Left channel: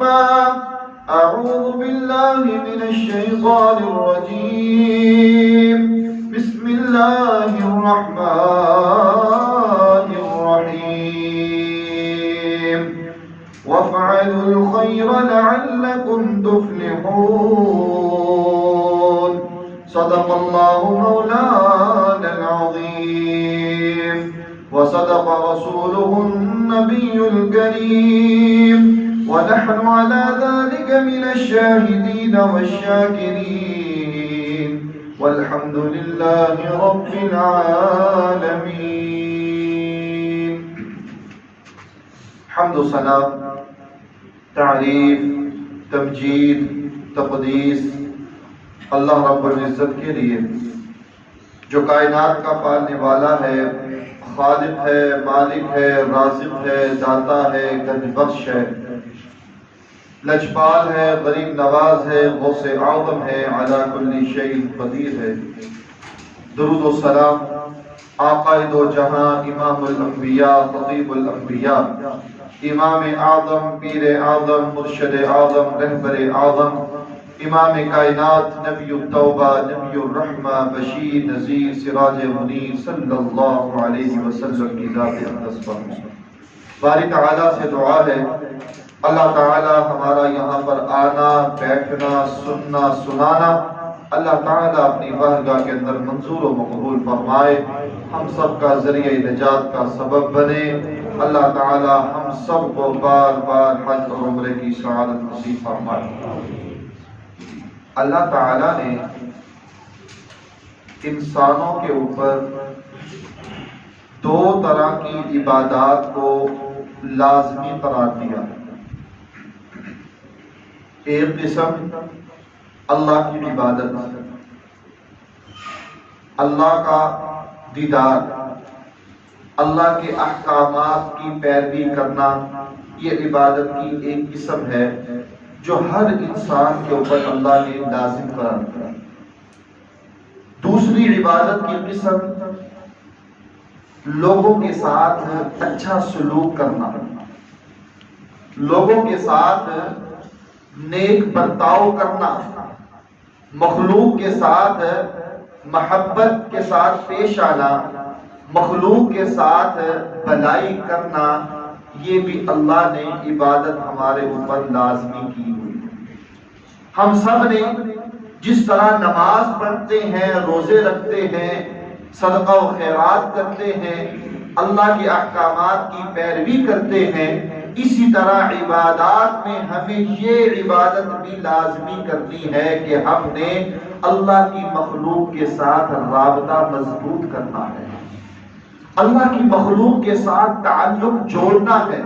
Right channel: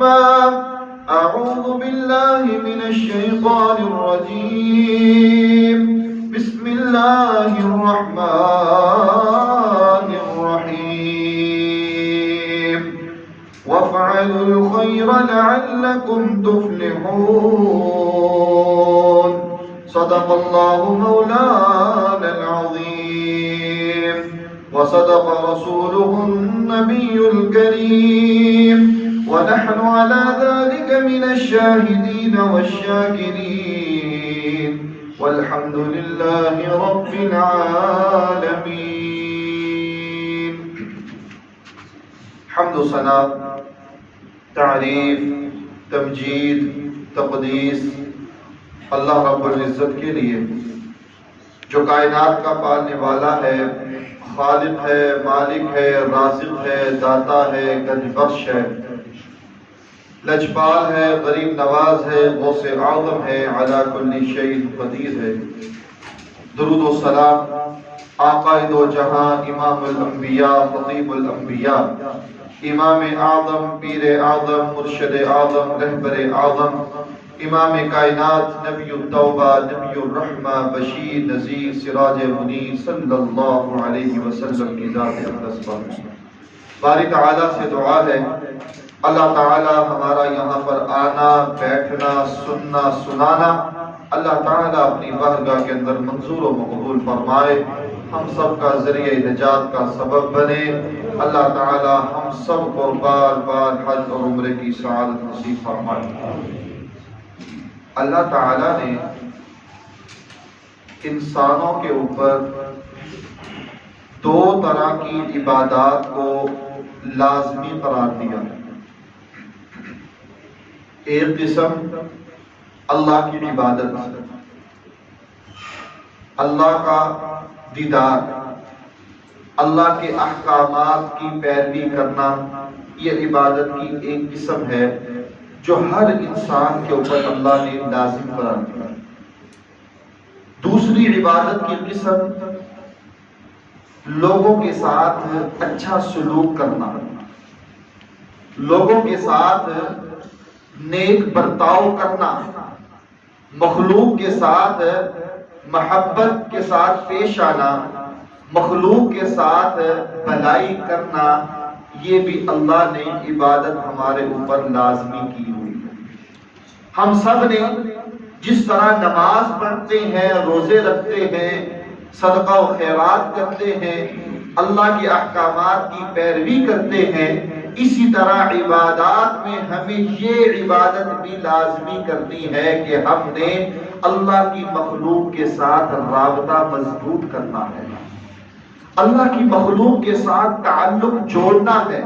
أعوذ بالله من الشيطان الرجيم. بسم الله الرحمن الرحيم. وافعلوا الخير لعلكم تفلحون. صدق الله مولانا العظيم وصدق رسوله النبي الكريم، ونحن على ذلك من الشاهدين والشاكرين، والحمد لله رب العالمين. حمد و ثنا، تعریف، تمجید، تقدیس اللہ رب العزت کے لیے جو کائنات کا پالنے والا ہے، خالق ہے، مالک ہے، رازق ہے، داتا ہے، گنج بخش ہے، لجپال ہے، غریب نواز ہے، غوث اعظم ہے، علی کل شیء قدیر ہے۔ درود و سلام آقا دو جہاں، امام الانبیاء، خطیب الانبیاء، امام اعظم، پیر اعظم، مرشد اعظم، رہبر اعظم، امام کائنات، نبی التوبہ، نبی الرحمہ، بشیر نذیر، سراج منیر، صلی اللہ علیہ وسلم کی ذات اقدس پر باری تعالیٰ سے دعا ہے اللہ تعالیٰ ہمارا یہاں پر آنا، بیٹھنا، سننا، سنانا اللہ تعالیٰ اپنی بارگاہ کے اندر منظور و مقبول فرمائے، ہم سب کا ذریعہ نجات کا سبب بنے۔ اللہ تعالیٰ ہم سب کو بار بار حج اور عمرے کی سعادت نصیب فرمائے۔ اللہ تعالیٰ نے انسانوں کے اوپر دو طرح کی عبادات کو لازمی قرار دیا۔ ایک قسم اللہ کی عبادت، اللہ کا دیدار، اللہ کے احکامات کی پیروی کرنا، یہ عبادت کی ایک قسم ہے جو ہر انسان کے اوپر اللہ نے لازم قرار دیا۔ دوسری عبادت کی قسم لوگوں کے ساتھ اچھا سلوک کرنا، لوگوں کے ساتھ نیک برتاؤ کرنا، مخلوق کے ساتھ محبت کے ساتھ پیش آنا، مخلوق کے ساتھ بھلائی کرنا، یہ بھی اللہ نے عبادت ہمارے اوپر لازمی کی ہوئی۔ ہم سب نے جس طرح نماز پڑھتے ہیں، روزے رکھتے ہیں، صدقہ و خیرات کرتے ہیں، اللہ کے احکامات کی پیروی کرتے ہیں، اسی طرح عبادات میں ہمیں یہ عبادت بھی لازمی کرنی ہے کہ ہم نے اللہ کی مخلوق کے ساتھ رابطہ مضبوط کرنا ہے، اللہ کی مخلوق کے ساتھ تعلق جوڑنا ہے،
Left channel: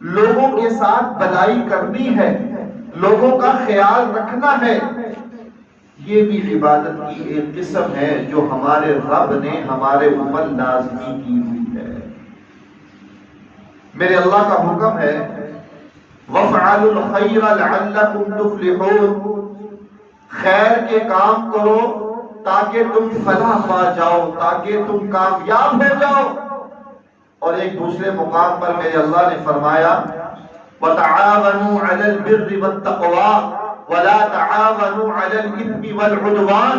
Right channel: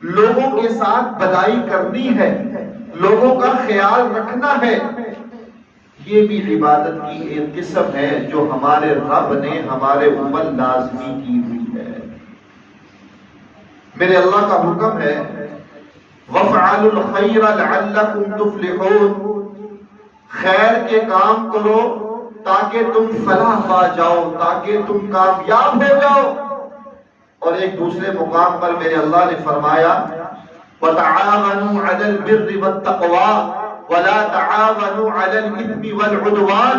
لوگوں کے ساتھ بھلائی کرنی ہے، لوگوں کا خیال رکھنا ہے۔ یہ بھی عبادت کی ایک قسم ہے جو ہمارے رب نے ہمارے اوپر لازمی کی ہوئی ہے۔ میرے اللہ کا حکم ہے وَافْعَلُوا الْخَيْرَ لَعَلَّكُمْ تُفْلِحُونَ، خیر کے کام کرو تاکہ تم فلاح پا جاؤ، تاکہ تم کامیاب ہو جاؤ۔ اور ایک دوسرے مقام پر میرے اللہ نے فرمایا وَتَعَاوَنُوا عَلَى الْبِرِّ وَالتَّقْوَى وَلَا تَعَاوَنُوا عَلَى الْإِثْمِ وَالْعُدْوَانِ۔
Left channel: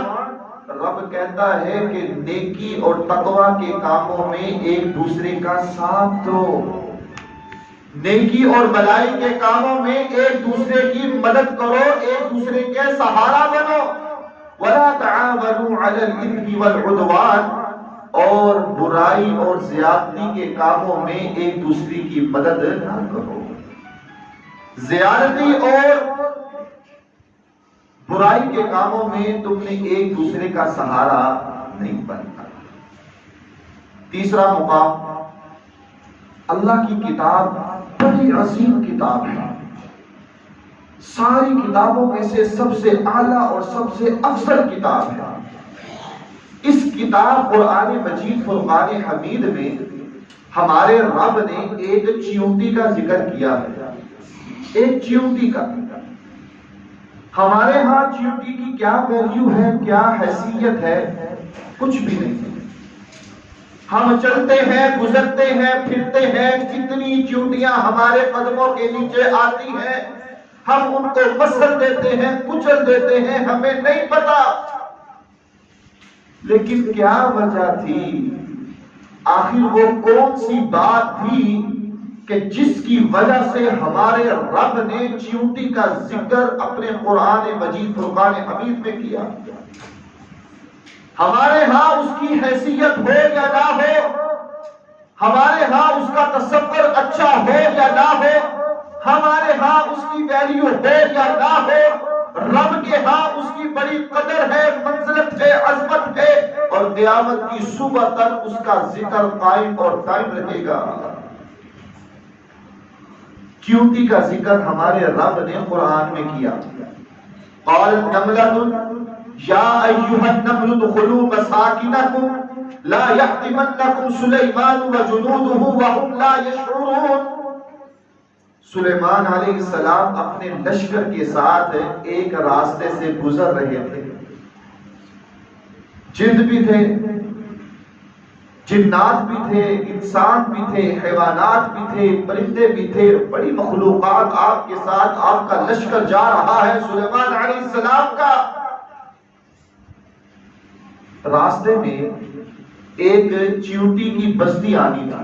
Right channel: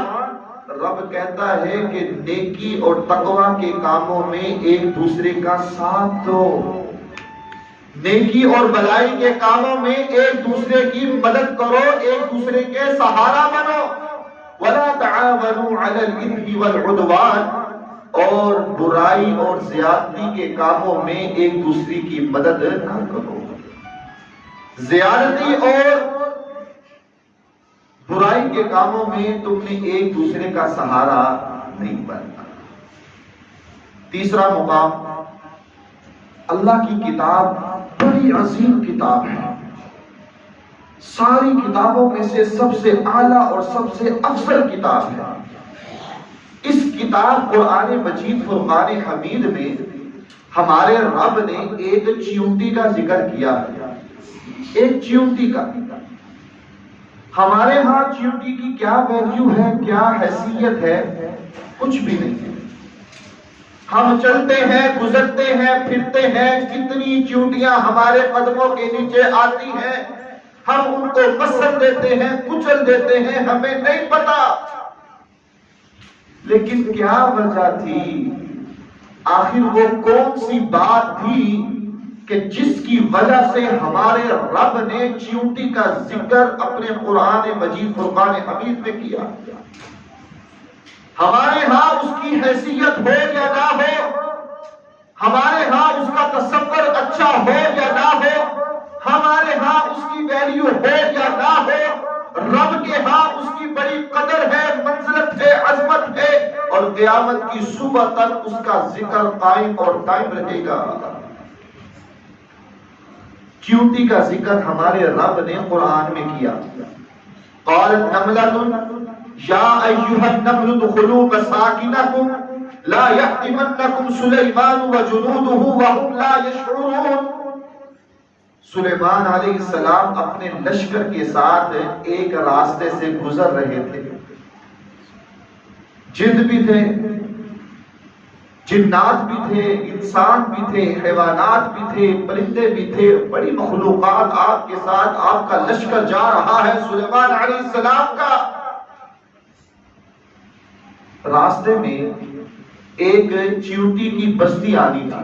رب کہتا ہے کہ نیکی اور تقوی کے کاموں میں ایک دوسرے کا ساتھ دو، نیکی اور بھلائی کے کاموں میں ایک دوسرے کی مدد کرو، ایک دوسرے کے سہارا بنو۔ وَلَا تَعَاوَنُوا عَلَى الْإِثْمِ وَالْعُدْوَانِ، اور برائی اور زیادتی کے کاموں میں ایک دوسرے کی مدد نہ کرو۔ زیادتی اور برائی کے کاموں میں تم نے ایک دوسرے کا سہارا نہیں بننا۔ تیسرا مقام، اللہ کی کتاب بڑی عظیم کتاب ہے، ساری کتابوں میں سے سب سے اعلیٰ اور سب سے افضل کتاب ہے۔ اس کتاب قرآن مجید فرقان حمید میں ہمارے رب نے ایک چیونٹی کا ذکر کیا ہے، ایک چیونٹی کا۔ ہمارے ہاں چیونٹی کی کیا ویلیو ہے، کیا حیثیت ہے، کچھ بھی نہیں ہے۔ ہم چلتے ہیں، گزرتے ہیں، پھرتے ہیں، کتنی چیونٹیاں ہمارے قدموں کے نیچے آتی ہیں، ہم ان کو مسل دیتے ہیں، کچل دیتے ہیں، ہمیں نہیں پتا لیکن کیا وجہ تھی، آخر وہ کون سی بات تھی کہ جس کی وجہ سے ہمارے رب نے چیونٹی کا ذکر اپنے قرآن مجید فرقان حمید میں کیا؟ ہمارے ہاں اس کی حیثیت ہو یا نہ ہو، ہمارے ہاں اس کا تصور اچھا ہو یا نہ ہو، ہمارے ہاں اس کی ویلیو ہو یا نہ ہو، رب کے ہاں اس کی بڑی قدر ہے، منزلت ہے، عظمت ہے، اور قیامت کی صبح تک اس کا ذکر قائم اور قائم رہے گا۔ چیونٹی کا ذکر ہمارے رب نے قرآن میں کیا۔ قالت نملۃ یا ایھا النمل ادخلوا مساکنکم لا یحطمنکم سلیمان وجنودہ وهم لا یشعرون۔ سلیمان علیہ السلام اپنے لشکر کے ساتھ ایک راستے سے گزر رہے تھے، جن بھی تھے، جنات بھی تھے، انسان بھی تھے، حیوانات بھی تھے، پرندے بھی تھے، بڑی مخلوقات آپ کے ساتھ، آپ کا لشکر جا رہا ہے سلیمان علیہ السلام کا۔ راستے میں ایک چیونٹی کی بستی آنی تھی،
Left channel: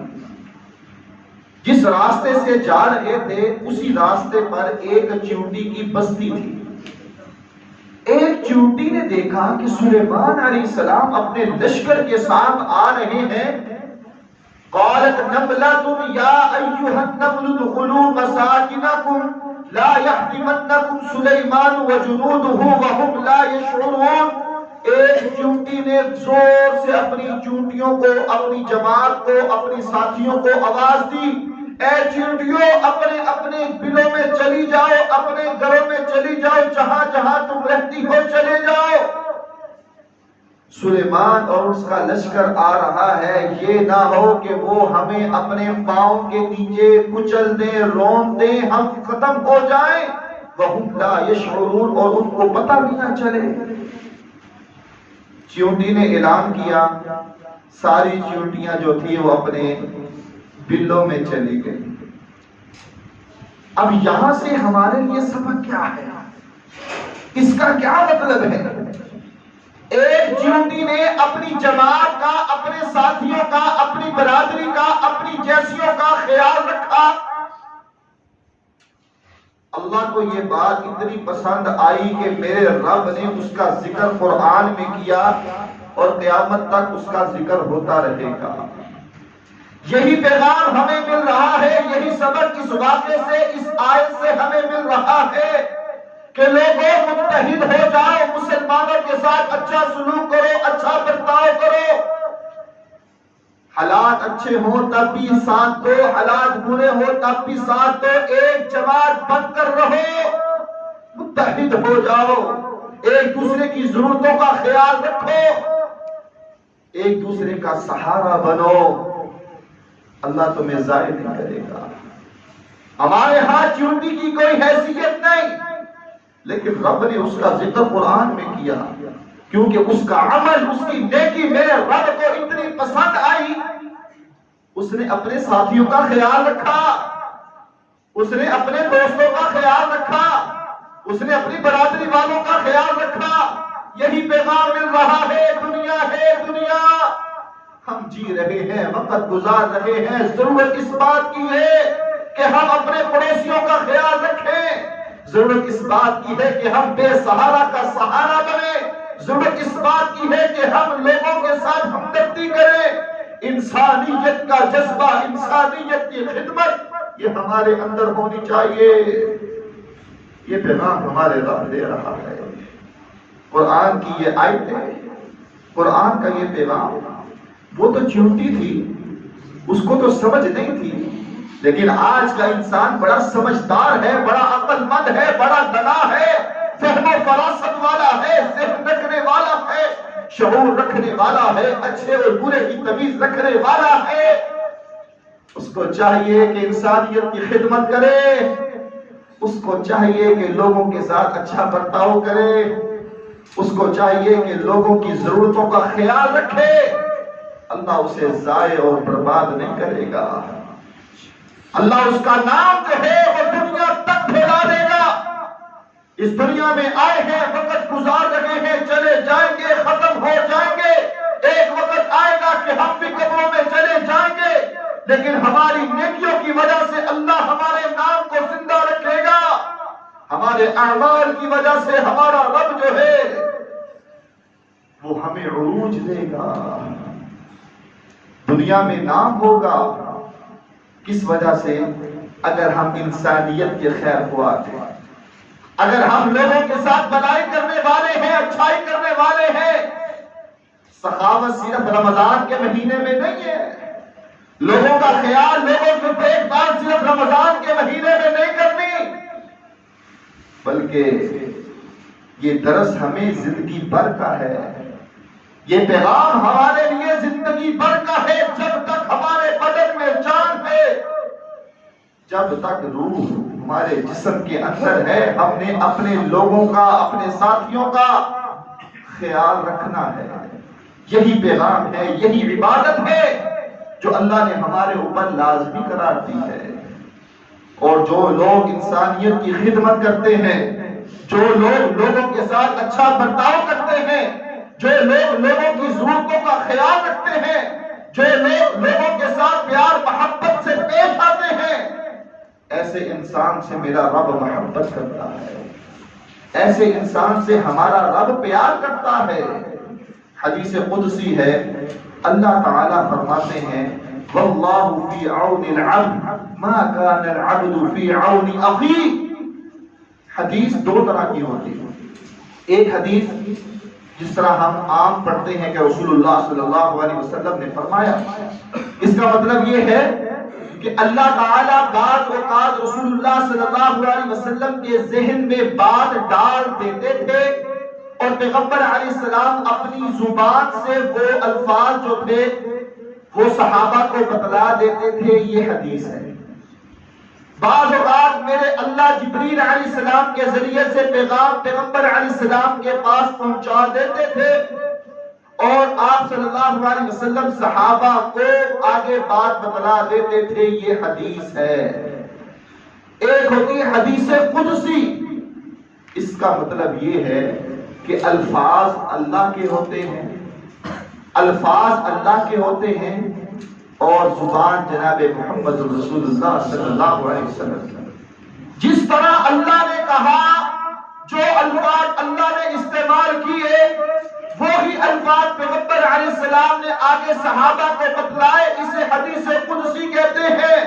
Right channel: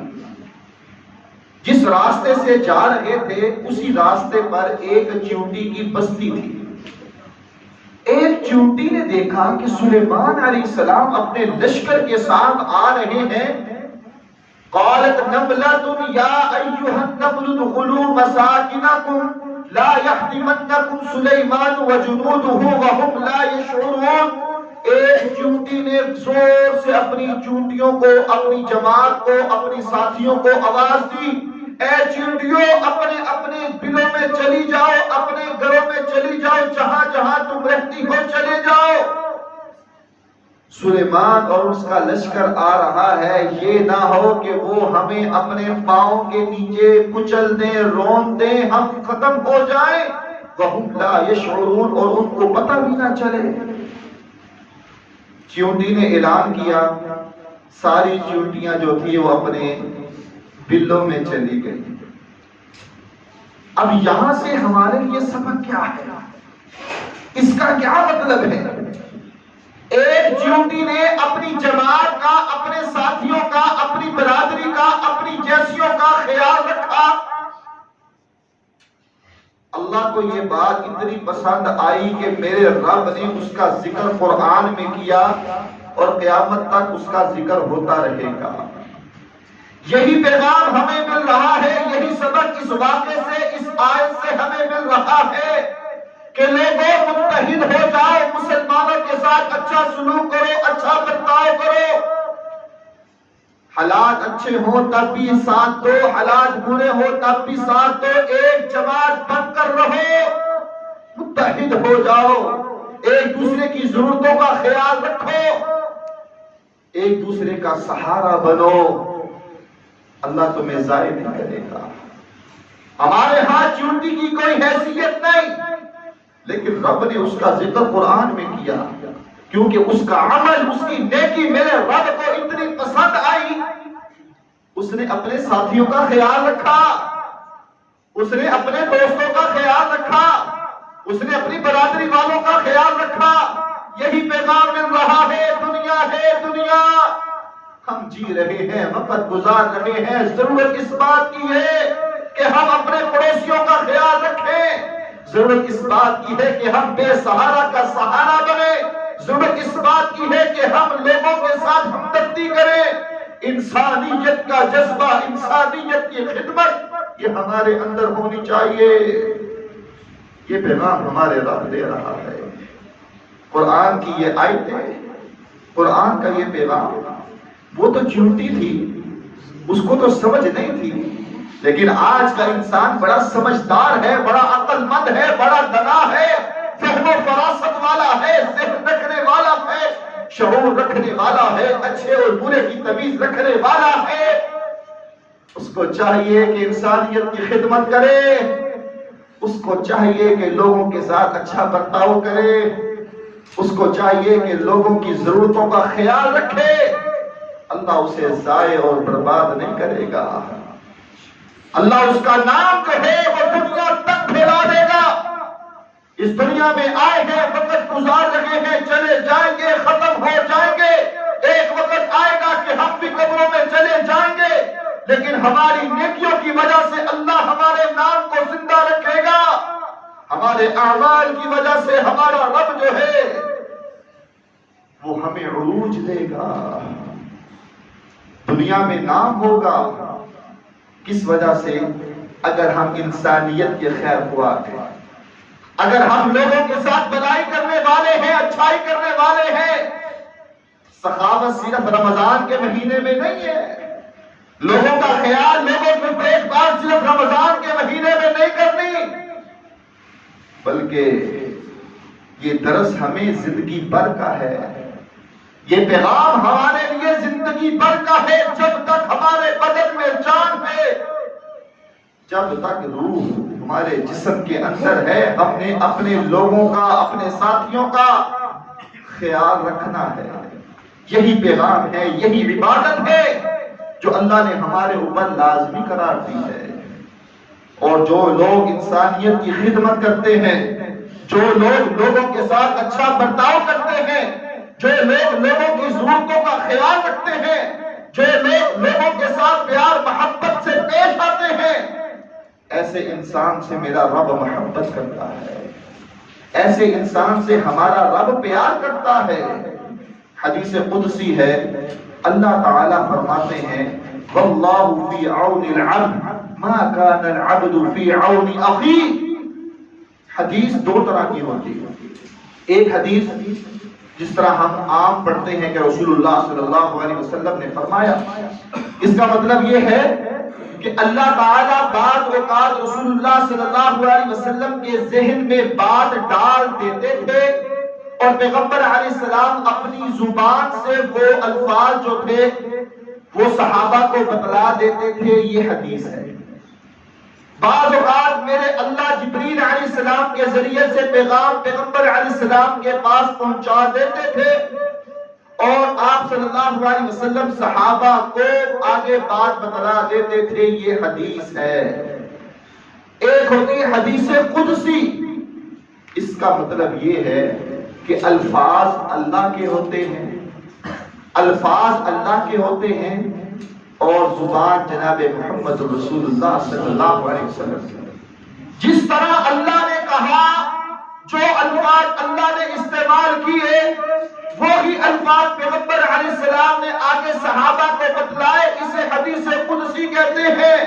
جس راستے سے جا رہے تھے اسی راستے پر ایک چیونٹی کی بستی تھی۔ ایک چیونٹی نے دیکھا کہ سلیمان علیہ السلام اپنے لشکر کے ساتھ آ رہے ہیں۔ قالت نملۃ یا ایھا النمل ادخلوا مساکنکم لا یحطمنکم سلیمان وجنودہ وهم لا یشعرون۔ ایک چیونٹی نے زور سے اپنی چیونٹیوں کو، اپنی جماعت کو، اپنی ساتھیوں کو آواز دی، اے چیونٹیوں اپنے اپنے بلوں میں چلی جاؤ، اپنے گھروں میں چلی جاؤ، جہاں جہاں تم رہتی ہو چلے جاؤ۔ سلیمان اور اس کا لشکر آ رہا ہے، یہ نہ ہو کہ وہ ہمیں اپنے پاؤں کے نیچے کچل دیں، رون دیں، ہم ختم ہو جائیں۔ وَهُمْ لَا يَشْعُرُونَ، اور ان کو پتہ بھی نہ چلے۔ چیونٹی نے اعلان کیا، ساری چیونٹیاں جو تھی وہ اپنے بلوں میں چلی گئی۔ اب یہاں سے ہمارے لیے سبق کیا ہے، اس کا کیا مطلب ہے؟ ایک چیونٹی نے اپنی جماعت کا، اپنے ساتھیوں کا، اپنی برادری کا، اپنی جیسیوں کا خیال رکھا۔ اللہ کو یہ بات اتنی پسند آئی کہ میرے رب نے اس کا ذکر قرآن میں کیا اور قیامت تک اس کا ذکر ہوتا رہے گا۔ یہی پیغام ہمیں مل رہا ہے، یہی سبق اس واقعے سے، اس آیت سے ہمیں مل رہا ہے کہ لوگوں متحد ہو جاؤ، مسلمانوں کے ساتھ اچھا سلوک کرو، اچھا برتاؤ کرو۔ حالات اچھے ہوں تب بھی ساتھ دو، حالات برے ہوں تب بھی ساتھ دو، ایک جماعت بن کر رہو، متحد ہو جاؤ، ایک دوسرے کی ضرورتوں کا خیال رکھو، ایک دوسرے کا سہارا بنو، اللہ تمہیں ضائع نہیں کرے گا۔ ہمارے ہاں چیونٹی کی کوئی حیثیت نہیں، لیکن رب نے اس کا ذکر قرآن میں کیا کیونکہ اس کا عمل، اس کی نیکی میرے رب کو اتنی پسند آئی۔ اس نے اپنے ساتھیوں کا خیال رکھا، اس نے اپنے دوستوں کا خیال رکھا، اس نے اپنی برادری والوں کا خیال رکھا۔ یہی پیغام مل رہا ہے، دنیا ہے دنیا، ہم جی رہے ہیں، وقت گزار رہے ہیں، ضرورت اس بات کی ہے کہ ہم اپنے پڑوسیوں کا خیال رکھیں، ضرورت اس بات کی ہے کہ ہم بے سہارا کا سہارا بنیں، ضرورت اس بات کی ہے کہ ہم لوگوں کے ساتھ ہمدردی کریں، انسانیت کا جذبہ، انسانیت کی خدمت یہ ہمارے اندر ہونی چاہیے۔ یہ پیغام ہمارے رب دے رہا ہے، قرآن کی یہ آیت ہے، قرآن کا یہ پیغام۔ وہ تو چیونٹی تھی، اس کو تو سمجھ نہیں تھی، لیکن آج کا انسان بڑا سمجھدار ہے، بڑا عقل مند ہے، بڑا دانا ہے، فہم و فراست والا ہے، ذہن رکھنے والا ہے، شعور رکھنے والا ہے، اچھے اور برے کی تمیز رکھنے والا ہے۔ اس کو چاہیے کہ انسانیت کی خدمت کرے، اس کو چاہیے کہ لوگوں کے ساتھ اچھا برتاؤ کرے، اس کو چاہیے کہ لوگوں کی ضرورتوں کا خیال رکھے۔ اللہ اسے ضائع اور برباد نہیں کرے گا. اللہ اس کا نام جو ہے وہ دنیا تک پھیلا دے گا. اس دنیا میں آئے ہیں، وقت گزار رہے ہیں، چلے جائیں گے، ختم ہو جائیں گے. ایک وقت آئے گا کہ ہم بھی قبروں میں چلے جائیں گے، لیکن ہماری نیکیوں کی وجہ سے اللہ ہمارے نام کو زندہ رکھے گا. ہمارے اعمال کی وجہ سے ہمارا رب جو ہے وہ ہمیں عروج دے گا. دنیا میں نام ہوگا. کس وجہ سے؟ اگر ہم انسانیت کے خیر خواہ ہیں، اگر ہم لوگوں کے ساتھ بھلائی کرنے والے ہیں، اچھائی کرنے والے ہیں. سخاوت صرف رمضان کے مہینے میں نہیں ہے. لوگوں کا خیال، لوگوں کی دیکھ بھال صرف رمضان کے مہینے میں نہیں کرنی، بلکہ یہ درس ہمیں زندگی بھر کا ہے. یہ پیغام ہمارے لیے زندگی بھر کا ہے. جب تک ہمارے بدن میں جان ہے، جب تک روح ہمارے جسم کے اندر ہے، ہم نے اپنے لوگوں کا، اپنے ساتھیوں کا خیال رکھنا ہے. یہی پیغام ہے، یہی عبادت ہے جو اللہ نے ہمارے اوپر لازمی قرار دی ہے. اور جو لوگ انسانیت کی خدمت کرتے ہیں، جو لوگ لوگوں کے ساتھ اچھا برتاؤ کرتے ہیں، جو لوگ لوگوں کی ضرورتوں کا خیال رکھتے ہیں، جو لوگ لوگوں کے ساتھ پیار محبت سے پیش آتے ہیں، ایسے انسان سے میرا رب محبت کرتا ہے. ایسے انسان سے ہمارا رب پیار کرتا ہے. حدیث قدسی ہے، اللہ تعالیٰ فرماتے ہیں واللہ فی عون العبد ما کان العبد فی عون اخی. حدیث دو طرح کی ہوتی ہے. ایک حدیث جس طرح ہم عام پڑھتے ہیں کہ رسول اللہ صلی اللہ علیہ وسلم نے فرمایا، اس کا مطلب یہ ہے کہ اللہ تعالیٰ بعض اوقات رسول اللہ صلی اللہ علیہ وسلم کے ذہن میں بات ڈال دیتے تھے، اور پیغمبر علیہ السلام اپنی زبان سے وہ الفاظ جو تھے وہ صحابہ کو بتلا دیتے تھے. یہ حدیث ہے. بعض اوقات میرے اللہ جبریل علیہ السلام کے ذریعے سے پیغام پیغمبر علیہ السلام کے پاس پہنچا دیتے تھے، اور آپ صلی اللہ علیہ وسلم صحابہ کو آگے بات بتلا دیتے تھے. یہ حدیث ہے. ایک ہوتی ہے حدیث قدسی. اس کا مطلب یہ ہے کہ الفاظ اللہ کے ہوتے ہیں، الفاظ اللہ کے ہوتے ہیں، اور زبان جناب محمد رسول اللہ صلی اللہ علیہ وسلم. جس طرح اللہ نے کہا، جو الفاظ اللہ نے استعمال کیے، وہی الفاظ پیغمبر علیہ السلام نے آگے صحابہ کو بتلائے. اسے حدیث قدسی کہتے ہیں.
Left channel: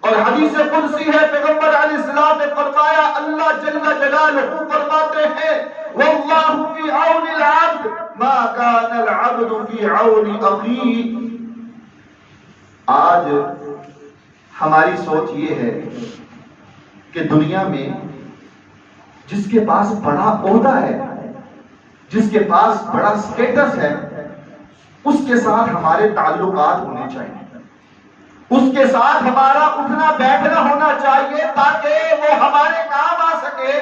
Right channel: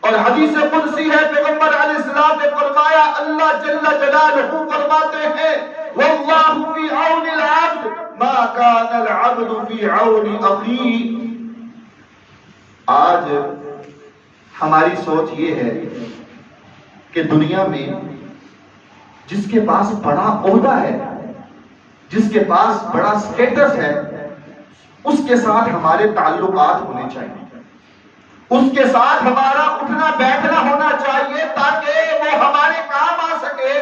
اور حدیث قدسی ہے، پیغمبر علیہ السلام نے فرمایا، اللہ جل جلالہ فرماتے ہیں واللہ فی عون العبد ما کان العبد فی عون اخی. آج ہماری سوچ یہ ہے کہ دنیا میں جس کے پاس بڑا عہدہ ہے، جس کے پاس بڑا سٹیٹس ہے، اس کے ساتھ ہمارے تعلقات ہونے چاہیے، اس کے ساتھ ہمارا اٹھنا بیٹھنا ہونا چاہیے تاکہ وہ ہمارے کام آ سکے.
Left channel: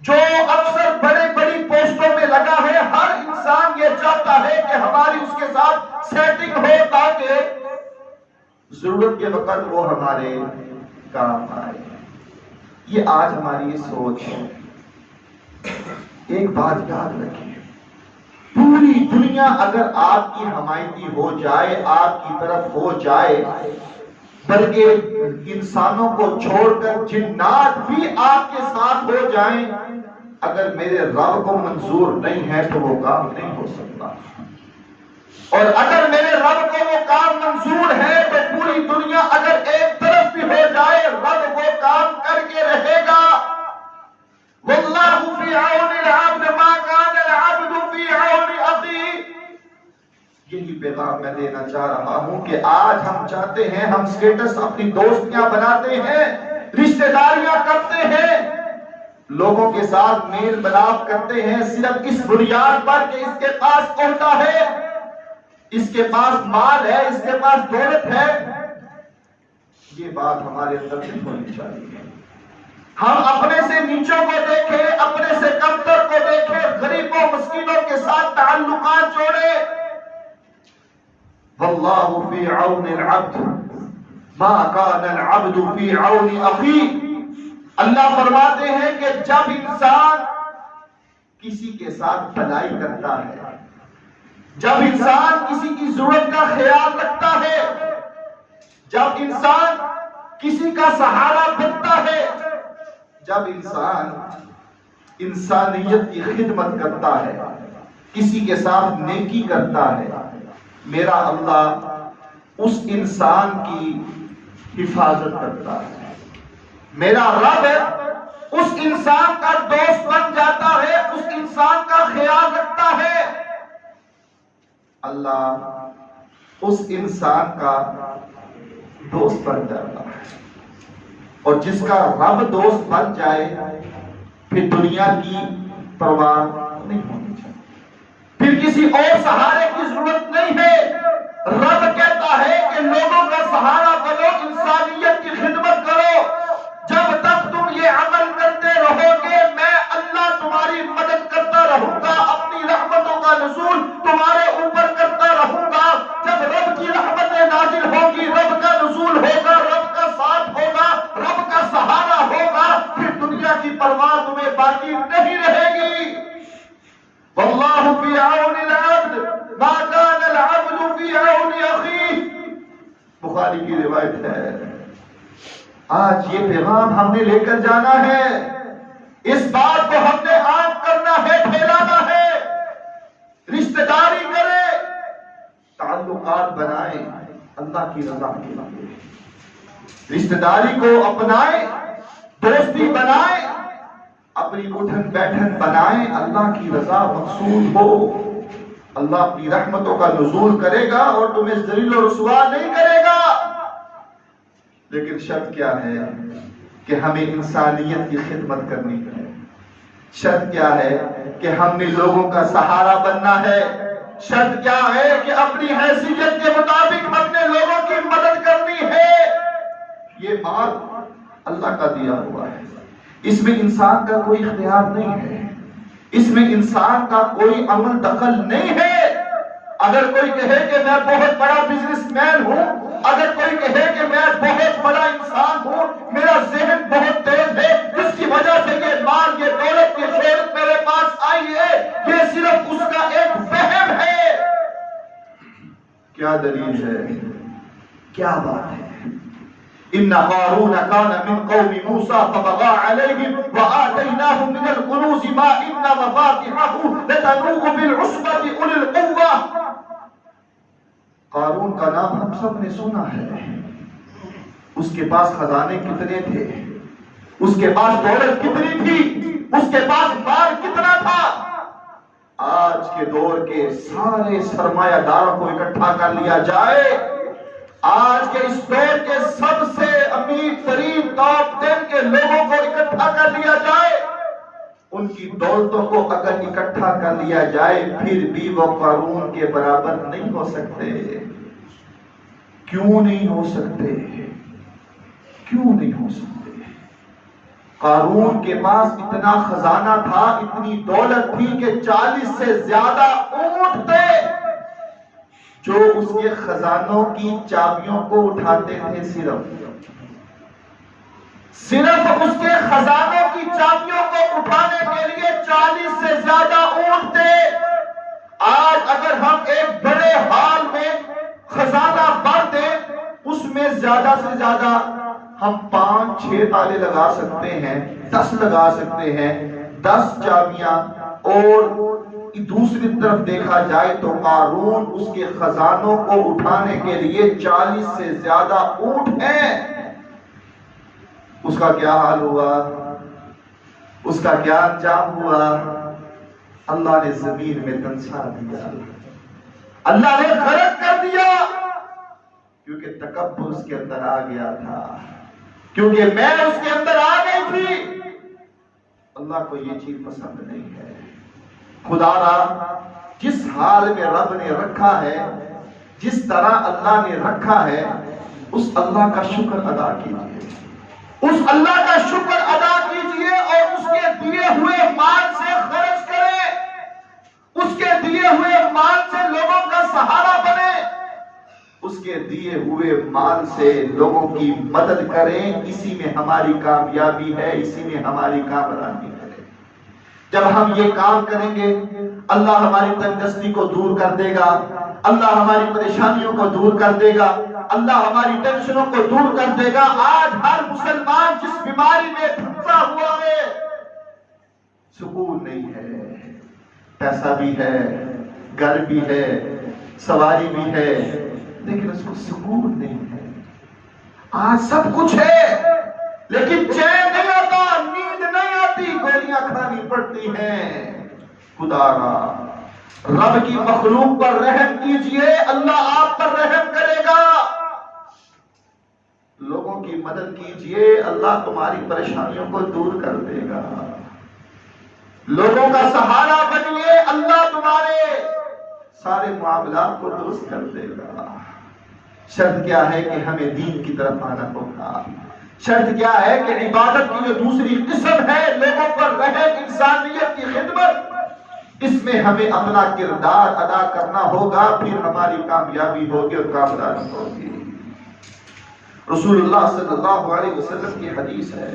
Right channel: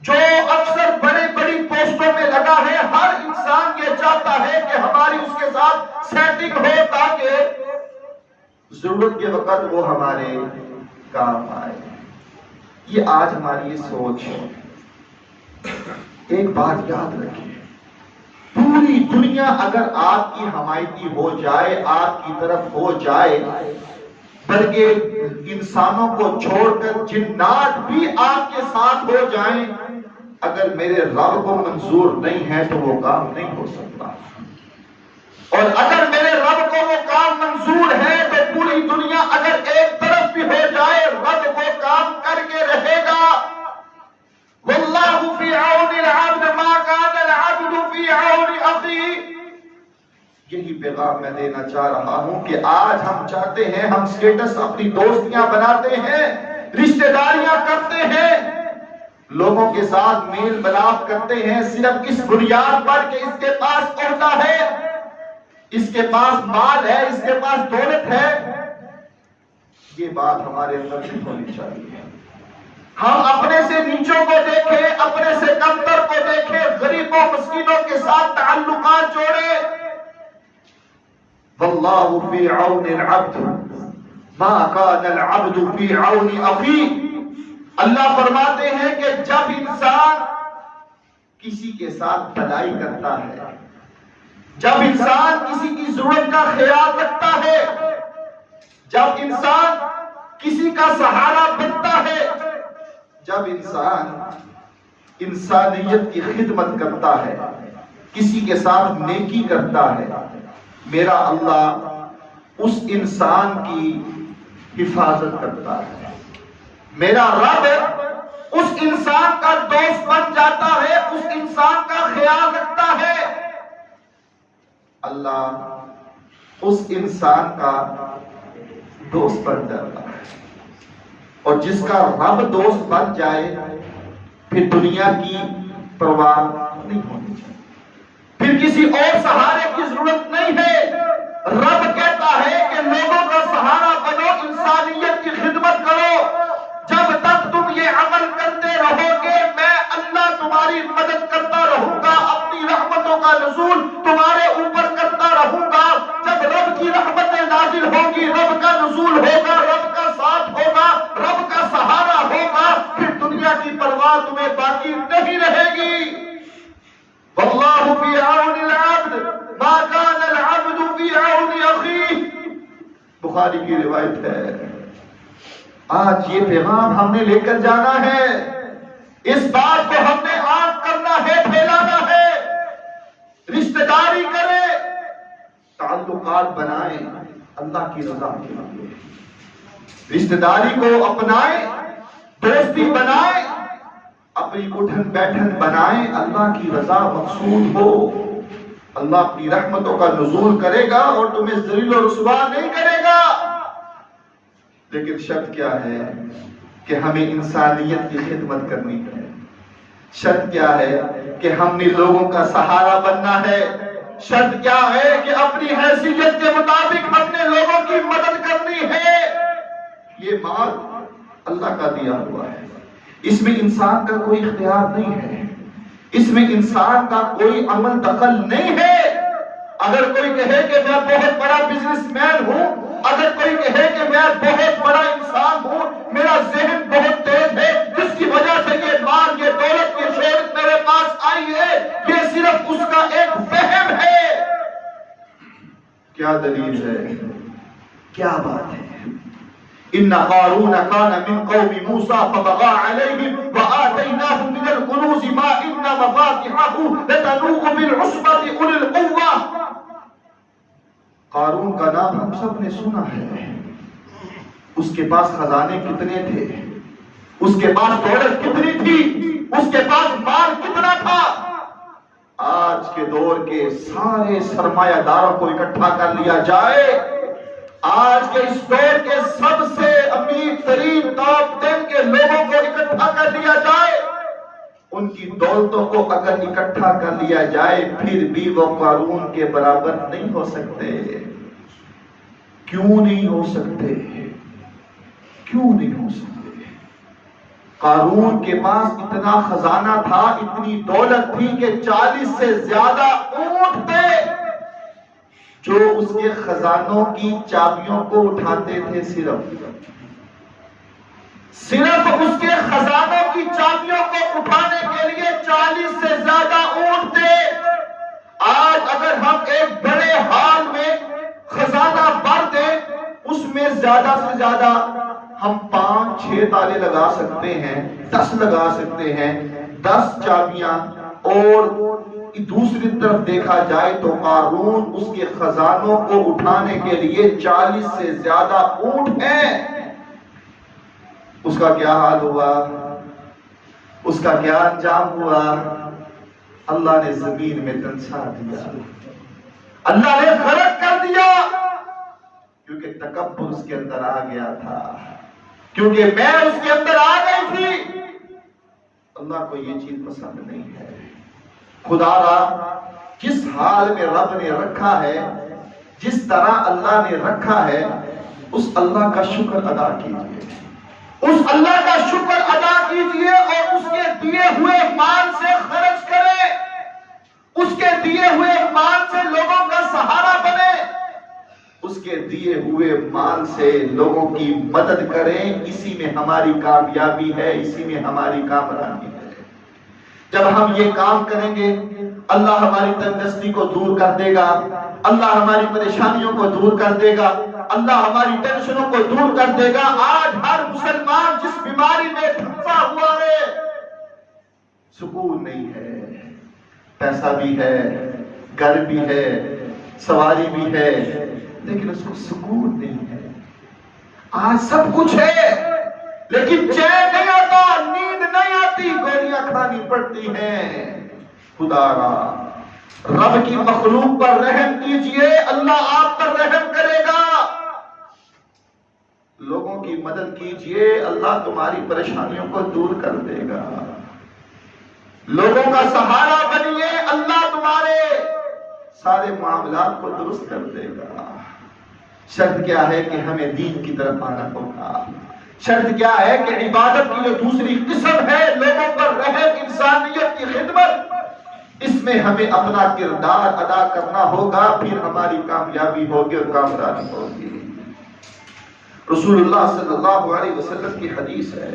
جو افسر بڑے بڑی پوسٹوں میں لگا ہے، ہر انسان یہ چاہتا ہے کہ ہماری اس کے ساتھ سیٹنگ ہو تاکہ ضرورت کے وقت وہ ہمارے کام آئے. یہ آج ہماری یہ سوچ ہے. ایک بات یاد رکھیے، پوری دنیا اگر آپ کی حمایتی ہو جائے، آپ کی طرف ہو جائے، بلکہ انسانوں کو چھوڑ کر جنات بھی آپ کے ساتھ ہو جائیں، اگر میرے رب کو منظور نہیں ہے تو وہ کام نہیں ہو سکتا. اور اگر میرے رب کو وہ کام منظور ہے تو پوری دنیا اگر ایک طرف بھی ہو جائے، رب وہ کام کر کے رہے گا. واللہ فی عون العبد ما کان العبد فی عون اخی. یہی پیغام میں دینا چاہ رہا ہوں کہ آج ہم چاہتے ہیں، ہم سٹیٹس اپنی دوستیاں بناتے ہیں، رشتہ داریاں کرتے ہیں، لوگوں کے ساتھ میل ملاپ کرتے ہیں صرف اس بنیاد پر کہ اس کے پاس عہدہ ہے، اس کے پاس مال ہے، اس کے پاس دولت ہے. یہ بات ہمارے اندر سے ہونی چاہیے. ہم اپنے سے نیچوں کو دیکھیں، اپنے سے کمتر کو دیکھیں، غریبوں مسکینوں کے ساتھ تعلقات جوڑیں. واللہ فی عون العبد ما کان العبد فی عون اخیہ۔ اللہ فرماتے ہیں کہ جب انسان کسی کے ساتھ بھلائی کرتا ہے، جب انسان کسی کی ضرورت کا خیال رکھتا ہے، جب انسان کسی کا سہارا بنتا ہے، جب انسان انسانیت کی خدمت کرتا ہے، کسی کے ساتھ نیکی کرتا ہے، میرا اللہ اس انسان کی حفاظت کرتا ہے۔ میرا رب اس انسان کا دوست بن جاتا ہے، اس انسان کا خیال رکھتا ہے۔ اللہ اس انسان کا دوست بن جاتا ہے، اور جس کا رب دوست بن جائے پھر دنیا کی پرواہ نہیں ہونی چاہیے، پھر کسی اور سہارے کی ضرورت نہیں ہے۔ رب کہتا ہے کہ لوگوں کا سہارا بنو، انسانیت کی خدمت کرو۔ جب تک تم یہ عمل کرتے رہو گے میں اللہ تمہاری مدد کرتا رہوں گا، اپنی رحمتوں کا نزول تمہارے اوپر کرتا رہوں گا۔ جب رب کی رحمتیں نازل ہوگی، رب کا نزول ہوگا، رب کا ساتھ ہوگا، رب کا سہارا ہوگا، پھر دنیا کی پرواہ تمہیں باقی نہیں رہے گی۔ واللہ فی عون العبد ما کان العبد فی عون اخیہ، بخاری کی روایت ہے۔ آج یہ پیغام ہم نے لے کر جانا ہے، اس بات کو ہم نے عام کرنا ہے، پھیلانا ہے۔ رشتہ داری کرے، تعلقات بنائیں اللہ کی رضا کے لیے، رشتہ داری کو اپنائیں، دوستی بنائیں، اپنی اٹھن بیٹھن بنائیں، اللہ کی رضا مقصود ہو۔ اللہ اپنی رحمتوں کا نزول کرے گا اور تمہیں ذلیل و رسوا نہیں کرے گا، لیکن شرط کیا ہے کہ ہمیں انسانیت کی خدمت کرنی ہے۔ شرط کیا ہے کہ ہم نے لوگوں کا سہارا بننا ہے۔ شرط کیا ہے کہ اپنی حیثیت کے مطابق اپنے لوگوں کی مدد کرنی ہے۔ یہ مال اللہ کا دیا ہوا ہے، اس میں انسان کا کوئی اختیار نہیں ہے، اس میں انسان کا کوئی عمل دخل نہیں ہے۔ اگر کوئی کہے کہ میں بہت بڑا بزنس مین ہوں، اگر کوئی کہے کہ میں بہت بڑا انسان ہوں، میرا ذہن بہت تیز ہے، جس کی وجہ سے یہ مال، یہ دولت، یہ شہرت میرے پاس آئی ہے، یہ صرف اس کا ایک وہم ہے۔ کیا دلیل ہے؟ کیا بات ہے؟ ان قارون کان من قوم موسیٰ فبغى علیہم وآتیناہ من الکنوز ما ان مفاتحہ لتنوء بالعصبۃ اولي القوہ۔ قارون کا نام ہم سب نے سنا ہے، اس کے پاس خزانے کتنے تھے، اس کے پاس دولت کتنی تھی، اس کے پاس مال کتنا تھا۔ آج کے دور کے سارے سرمایہ داروں کو اکٹھا کر لیا جائے، آج کے اس دور کے سب سے امیر ترین ٹاپ 10 کے لوگوں کو اکٹھا کر لیا جائے، ان کی دولتوں کو اگر اکٹھا کر لیا جائے پھر بھی وہ قارون کے برابر نہیں ہو سکتے۔ کیوں نہیں ہو سکتے؟ کیوں نہیں ہو سکتے؟ قارون کے پاس اتنا خزانہ تھا، اتنی دولت تھی کہ 40 سے زیادہ اونٹ تھے جو اس کے خزانوں کی چابیوں کو اٹھاتے تھے۔ صرف اس کے خزانوں کی چابیوں کو اٹھانے کے لیے 40 سے زیادہ اونٹ تھے۔ آج اگر ہم ایک بڑے ہال میں خزانہ بھر دیں، اس میں زیادہ سے زیادہ ہم 5-6 تالے لگا سکتے ہیں، 10 لگا سکتے ہیں، 10 چابیاں۔ اور دوسری طرف دیکھا جائے تو قارون اس کے خزانوں کو اٹھانے کے لیے 40 سے زیادہ اونٹ ہیں۔ اس کا کیا حال ہوا؟ اس کا کیا انجام ہوا؟ اللہ نے زمین میں دنسا دیا، اللہ نے غرق کر دیا، کیونکہ تکبر اس کے اندر آ گیا تھا، کیونکہ میں اس کے اندر آ گئی تھی۔ اللہ کو یہ چیز پسند نہیں ہے۔ خدا را جس حال میں رب نے رکھا ہے، جس طرح اللہ نے رکھا ہے، اس اللہ کا شکر ادا کیجیے، اس اللہ کا شکر ادا کیجیے اور اس کے دیے ہوئے مال سے خرچ کریں، اس کے دیے ہوئے مال سے لوگوں کا سہارا بنے۔ دیے ہوئے مال سے لوگوں کی مدد کریں، اسی میں ہماری کامیابی ہے، اسی میں ہماری کامرانی ہے۔ جب ہم یہ کام کریں گے اللہ ہماری تنگدستی کو دور کر دے گا، اللہ ہماری پریشانیوں کو دور کر دے گا، اللہ ہماری ٹینشنوں کو دور کر دے گا۔ آج ہر مسلمان جس بیماری میں پھنسا ہوا ہے، سکون نہیں ہے، پیسہ بھی ہے، گھر بھی ہے، سواری بھی ہے، لیکن اس کو سکون نہیں ہے۔ آج سب کچھ ہے لیکن چین نہیں آتا، نیند نہیں آتی، گولیاں کھانی پڑتی ہیں۔ خدا را رب کی مخلوق پر رحم کیجئے، اللہ آپ پر رحم کرے گا۔ لوگوں کی مدد کیجئے، اللہ تمہاری پریشانیوں کو دور کر دے گا۔ لوگوں کا سہارا بنیے، اللہ تمہارے سارے معاملات کو درست کر دے گا۔ شرط کیا ہے کہ ہمیں دین کی طرف آنا ہوگا۔ شرط کیا ہے کہ عبادت کی جو دوسری قسم ہے، لوگوں پر رحم، انسانیت کی خدمت، اس میں ہمیں اپنا کردار ادا کرنا ہوگا، پھر ہماری کامیابی ہوگی اور کامیابی ہوگی۔ رسول اللہ صلی اللہ علیہ وسلم کی حدیث ہے،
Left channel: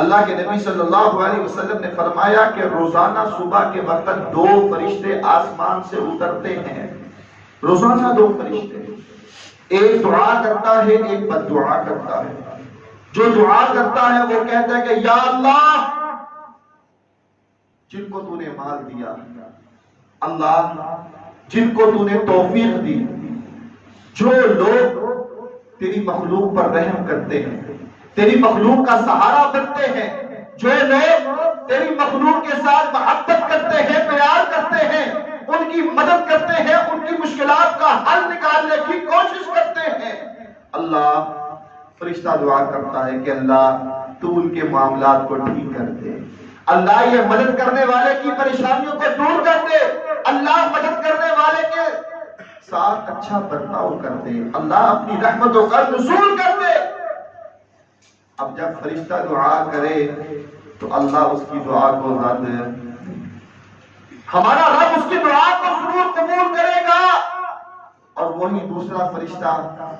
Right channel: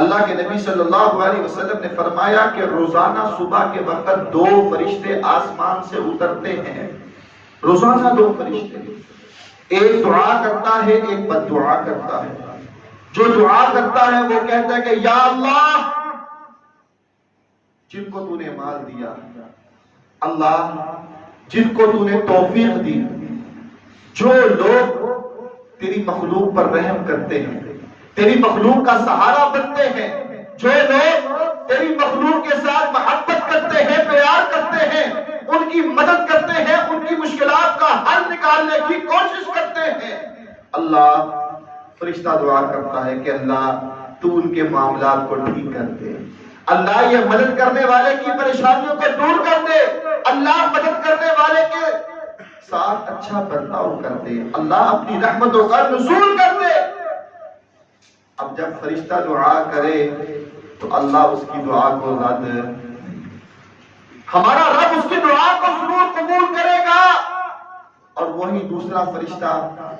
اللہ کے نبی صلی اللہ علیہ وسلم نے فرمایا کہ روزانہ صبح کے وقت دو فرشتے آسمان سے اترتے ہیں، روزانہ دو فرشتے، ایک دعا کرتا ہے، ایک بد دعا کرتا ہے۔ جو دعا کرتا ہے وہ کہتا ہے کہ یا اللہ، جن کو تو نے مال دیا، اللہ جن کو تو نے توفیق دی، جو لوگ تیری مخلوق پر رحم کرتے ہیں، تیری مخلوق کا سہارا بنتے ہیں، جو لوگ تیری مخلوق کے ساتھ محبت کرتے ہیں، پیار کرتے ہیں، ان کی مدد کرتے ہیں، ان کی مشکلات کا حل نکالنے کی کوشش کرتے ہیں، اللہ فرشتہ دعا کرتا ہے کہ اللہ تو ان کے معاملات کو ٹھیک کر دے، اللہ یہ مدد کرنے والے کی پریشانیوں کو دور کر دے، اللہ مدد کرنے والے کے ساتھ اچھا برتاؤ کر دے، اللہ اپنی رحمتوں کا نزول کر دے۔ اب جب فرشتہ دعا کرے تو اللہ اس کی دعا کو رد، ہمارا رب اس کی دعا کو ضرور قبول کرے گا۔ اور وہی دوسرا فرشتہ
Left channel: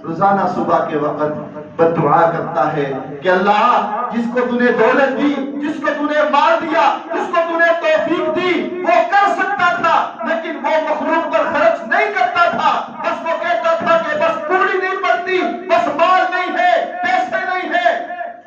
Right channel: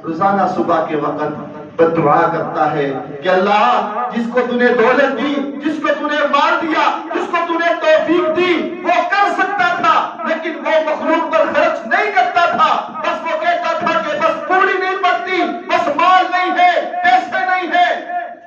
روزانہ صبح کے وقت بد دعا کرتا ہے کہ اللہ جس کو تو نے دولت دی، جس کو تو نے مال دیا، جس کو تو نے توفیق دی، وہ کر سکتا تھا لیکن وہ مخلوق پر خرچ نہیں کرتا تھا، بس وہ کہتا تھا کہ بس پوری نہیں پڑتی، بس مال نہیں ہے، پیسے نہیں ہے،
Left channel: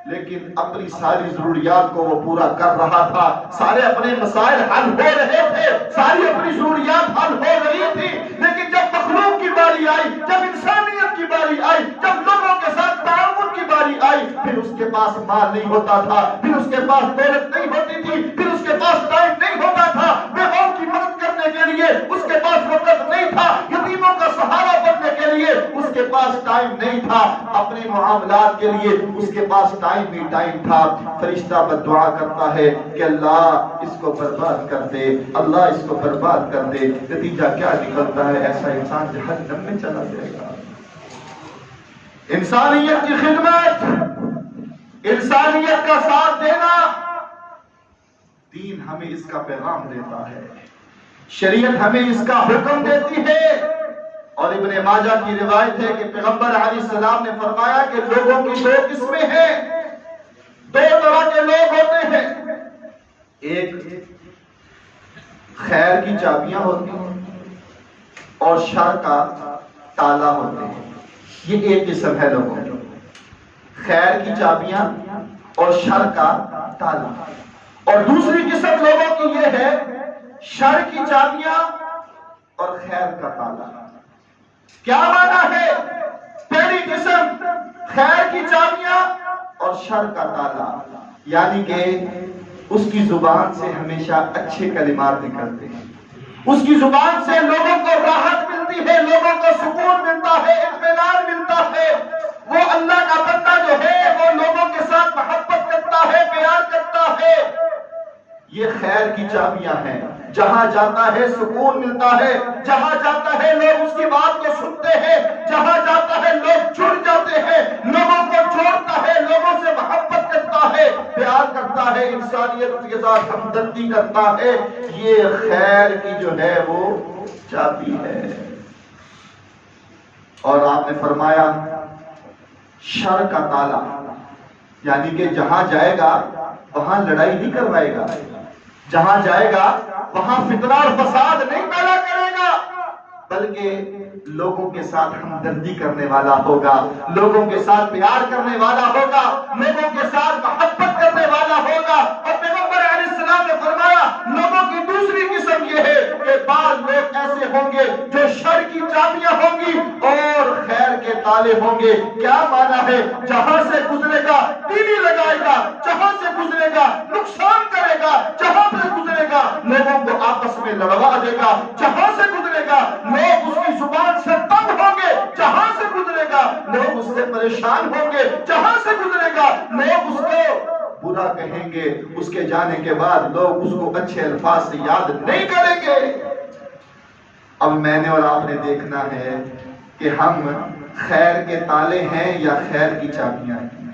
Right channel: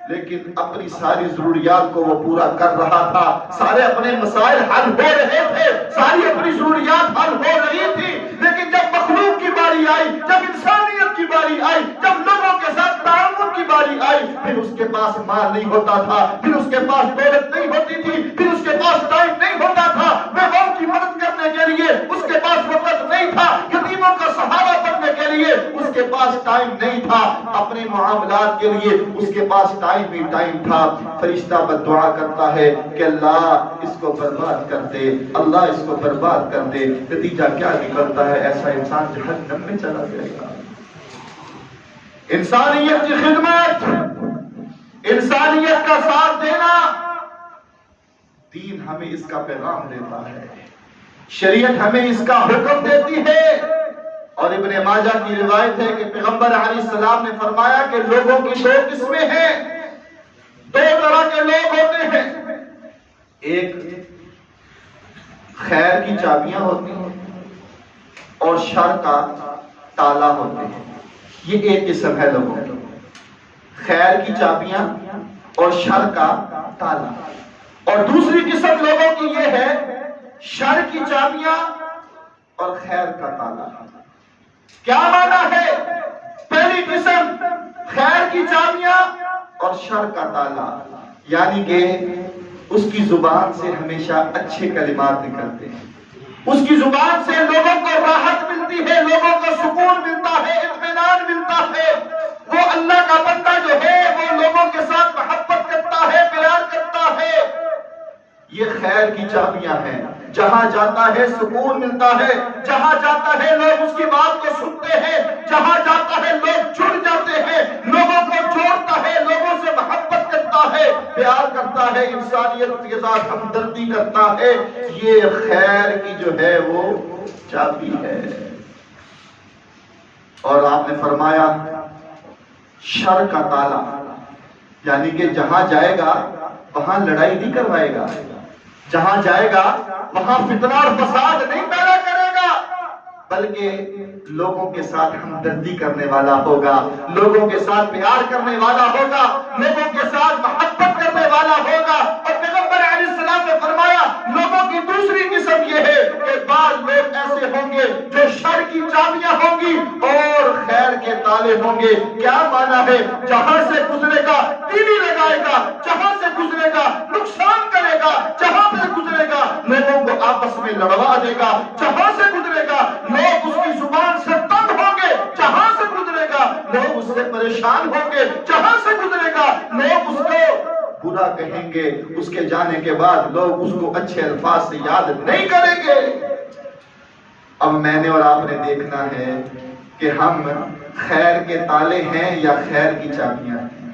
لیکن اپنی ساری ضروریات کو وہ پورا کر رہا تھا، سارے اپنے مسائل حل ہو رہے تھے، ساری اپنی ضروریات حل ہو رہی تھی، لیکن جب مخلوق کی باری آئی، جب انسانیت کی باری آئی، جب لوگوں کے ساتھ تعاون کی باری آئی، پھر اس کے پاس مال نہیں ہوتا تھا، پھر اس کے پاس دولت نہیں ہوتی تھی، پھر اس کے پاس ٹائم نہیں ہوتا تھا، بیواؤں کی مدد کرنے کے لیے اس کے پاس وقت نہیں تھا، یتیموں کا سہارا بننے کے لیے اس کے پاس ٹائم نہیں تھا، اپنے معاملات کے لیے اس کے پاس ٹائم بھی ٹائم تھا۔ فرشتہ بد دعا کرتا ہے کہ اللہ اس کو برباد کر دے، اللہ اس کو برباد کر دے، نتیجہ کیا نکلتا ہے؟ ایسا انسان جہنم میں چلا جائے گا۔ انسانیت کی خدمت، انسانیت کا ساتھ دینا، دین ہمیں اس کا پیغام دیتا ہے، شریعت ہمیں اس کا حکم دیتی ہے۔ اور ابن ماجہ کی روایت ہے کہ پیغمبر علیہ السلام نے فرمایا کہ لوگوں کی دو قسمیں ہیں، دو طرح کے لوگ ہوتے ہیں، ایک خیر کی چابیاں ہوتی ہیں اور شر کا تالا ہوتے ہیں، یہ ایک قسم ہے لوگوں کی، خیر کی چابیاں اور شر کا تالا۔ اور دوسری قسم لوگوں کی یہ ہے، شر کی چابیاں اور خیر کا تالا۔ کیا معنی ہے؟ پہلی قسم خیر کی چابیاں اور شر کا تالا، یعنی کہ اس کی زبان سے ہمیشہ اچھے کلمات نکلتے ہیں، اس کی زبان سے لوگوں کو راحت ملتی ہے، لوگوں کو سکون ملتا ہے، اطمینان ملتا ہے، وہ اللہ کا بندہ جو ہے وہ لوگوں کے ساتھ محبت کرتا ہے، پیار کرتا ہے۔ یہ خیر کی چابیاں ہیں، جہاں جاتا ہے سکون ملتا ہے، جہاں جاتا ہے لوگ اس کی بات کو سنتے ہیں، جہاں جاتا ہے لوگ جڑ جاتے ہیں، لوگوں کو جوڑتا ہے، لوگوں سے محبت کرتا ہے، پیار کرتا ہے، انسانیت کے ساتھ ہمدردی کرتا ہے۔ یہ خیر کی جو ہے وہ چابی ہے۔ اور آپ نے فرمایا شر کا تالا، یعنی کہ جہاں جائے گا وہاں لڑائی نہیں کروائے گا، جہاں جائے گا وہاں فتنہ اور فساد نہیں پیدا کرے گا، بلکہ لوگوں کے ساتھ ہمدردی کرنے والا ہوگا، لوگوں کے ساتھ پیار کرنے والا ہوگا، لوگوں کے ساتھ محبت کرنے والا ہوگا۔ اور پیغمبر علیہ السلام نے فرمایا لوگوں کی دوسری قسم یہ ہے کہ بعض لوگ ایسے ہوں گے جو شر کی چابیاں ہوں گی اور خیر کے تالے ہوں گے۔ کیا مانا ہے؟ جہاں سے گزرے گا تیلی لگائے گا، جہاں سے گزرے گا نقصان کرے گا، جہاں سے گزرے گا لوگوں کو آپس میں لڑوا دے گا، جہاں سے گزرے گا لوگ اس کی زبان سے تنگ ہوں گے، جہاں سے گزرے گا لوگ اس سے پریشان ہوں گے، جہاں سے گزرے گا لوگ اس کو برا کہیں گے، اس کے جانے کے بعد لوگ اس کو اچھے الفاظ سے یاد نہیں کریں گے۔ اب میں نے اور آپ نے دیکھنا ہے کہ ہم خیر کے تالے ہیں یا خیر کی چابیاں ہیں۔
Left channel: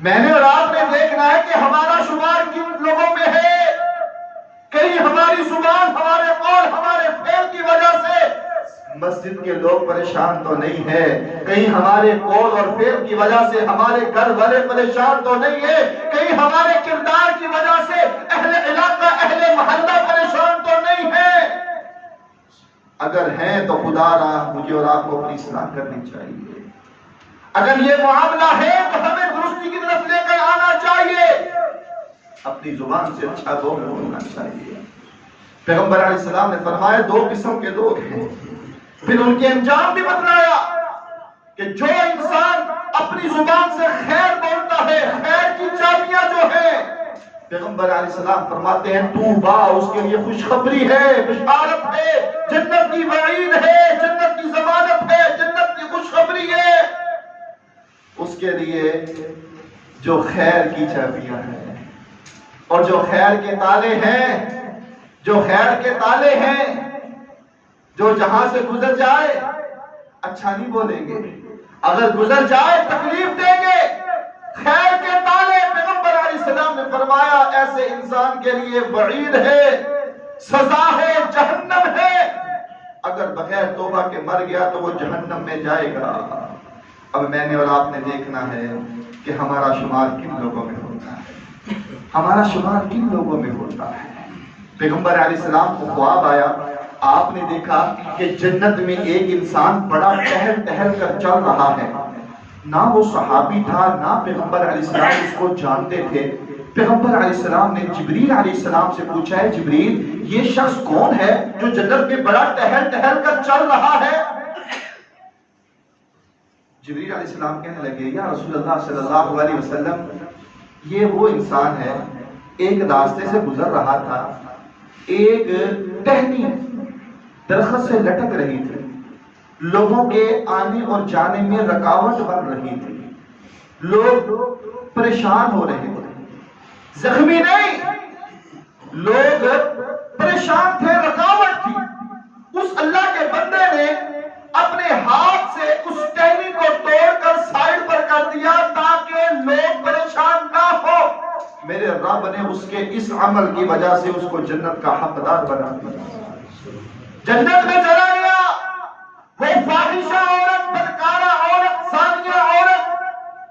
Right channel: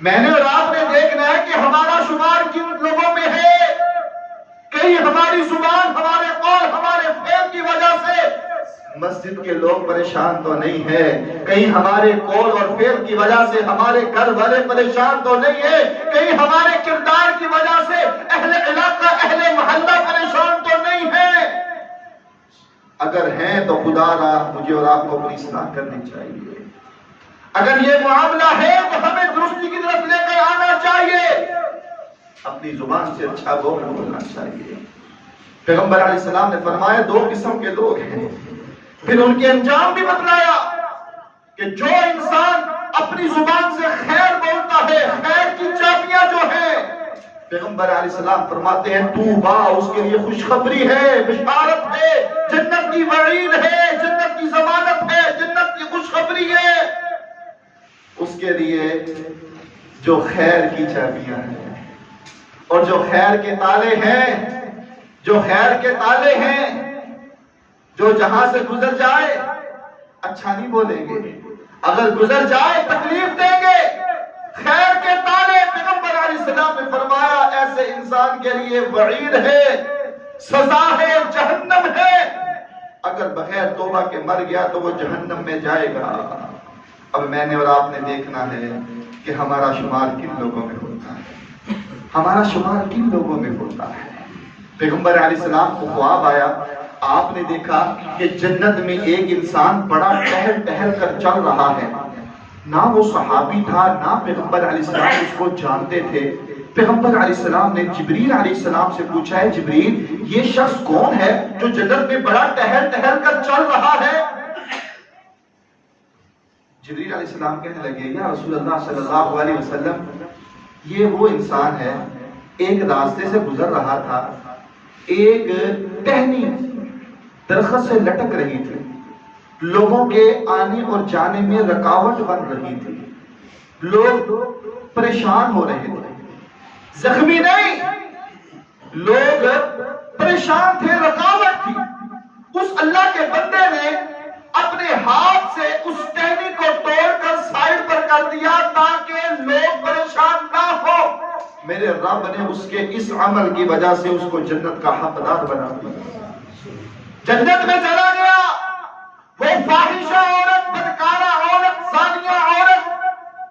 میں نے اور آپ نے دیکھنا ہے کہ ہمارا شمار کن لوگوں میں ہے۔ کہیں ہماری زبان، ہمارے قول، ہمارے فعل کی وجہ سے مسجد کے لوگ پریشان تو نہیں ہے، کہیں ہمارے قول اور فعل کی وجہ سے ہمارے گھر والے پریشان تو نہیں ہے، کہیں ہمارے کردار کی وجہ سے اہل علاقہ، اہل محلہ پریشان تو نہیں ہے۔ اگر ہیں تو خدا را مجھے اور آپ کو اپنی اصلاح کرنی چاہیے۔ اگر یہ معاملہ ہے تو ہمیں درستی کی طرف لے کر آنا چاہیے، اپنی زبان سے اچھا بولنا چاہیے۔ پیغمبر علیہ السلام نے فرمایا دو قسم کے لوگ ہیں، پھر ان کے انجام بھی بتلایا کہ جو انسان اپنی زبان سے خیر بولتا ہے، خیر کی چابیاں جو ہیں، پیغمبر علیہ السلام فرماتے ہیں توبہ، اس کے لیے خوشخبری ہے، بشارت ہے، جنت کی وعید ہے، جنت کی ضمانت ہے، جنت کی خوشخبری ہے اس کے لیے جو خیر کی چابیاں ہیں اور جو خیر کے تالے ہیں، جو خیر کے تالے ہیں، جو جہاں سے گزر جائے اچھا نہیں بولیں گے، اگر گزر جائے تکلیف دیں گے۔ خیر کے تالے، پیغمبر علیہ السلام نے فرمایا ایسے انسان کے لیے وعید ہے، سزا ہے، جہنم ہے، اگر بغیر توبہ کے مر گیا تو وہ جہنم میں جائے گا۔ اب میں نے اور آپ نے دیکھنا ہے کہ ہمارا شمار کن لوگوں میں ہوتا ہے، ہمارا شمار کن لوگوں میں ہوتا ہے۔ پیغمبر علیہ السلام کو خواب آیا، آپ نے دیکھا کہ جنت میں ایک انسان بڑا ٹہل ٹہل کر چل رہا ہے، نہ وہ صحابی تھا نہ پیغمبر علیہ السلام اس کو جانتے تھے۔ پیغمبر علیہ السلام نے جبریل علیہ السلام سے پوچھا ہے جبریل یہ شخص کون ہے جو جنت میں بڑا ٹہل ٹہل کر چل رہا ہے؟ جبریل علیہ السلام کہنے لگے یا رسول اللہ صلی اللہ علیہ وسلم یہ وہ انسان ہے، ایک راستے سے گزر رہا تھا، ایک ٹہنی درخت سے لٹک رہی تھی، لوگوں کے آنے اور جانے میں رکاوٹ بن رہی تھی، لوگ پریشان ہو رہے تھے، زخمی نہیں، لوگ پریشان تھے، رکاوٹ تھی۔ اس اللہ کے بندے نے اپنے ہاتھ سے اس ٹہنی کو توڑ کر سائیڈ پر کر دیا تاکہ لوگ پریشان نہ ہو۔ میرے رب نے اس کے اس عمل کی وجہ سے اس کو جنت کا حقدار بنا دیا، جنت میں چلا گیا۔ وہ فاحشہ عورت، بدکارہ عورت، زانیہ عورت،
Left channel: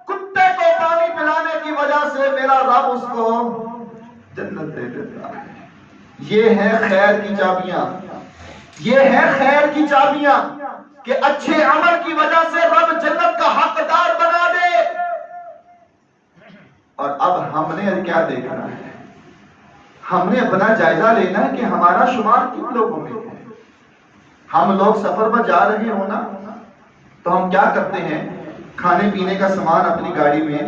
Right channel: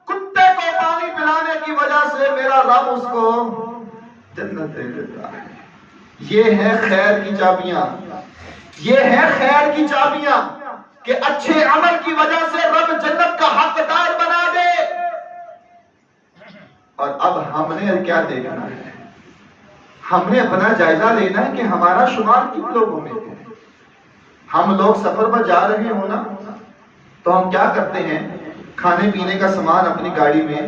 کتے کو پانی پلانے کی وجہ سے میرا رب اس کو جنت دے دیتا ہے۔ یہ ہے خیر کی چابیاں، یہ ہے خیر کی چابیاں کہ اچھے عمل کی وجہ سے رب جنت کا حقدار بنا دے۔ اور اب ہم نے کیا دیکھنا ہے؟ ہم نے اپنا جائزہ لینا ہے کہ ہمارا شمار کن لوگوں میں ہے۔ ہم لوگ سفر پر جا رہے ہوں نا تو ہم کیا کرتے ہیں؟ کھانے پینے کا سامان اپنی گاڑی میں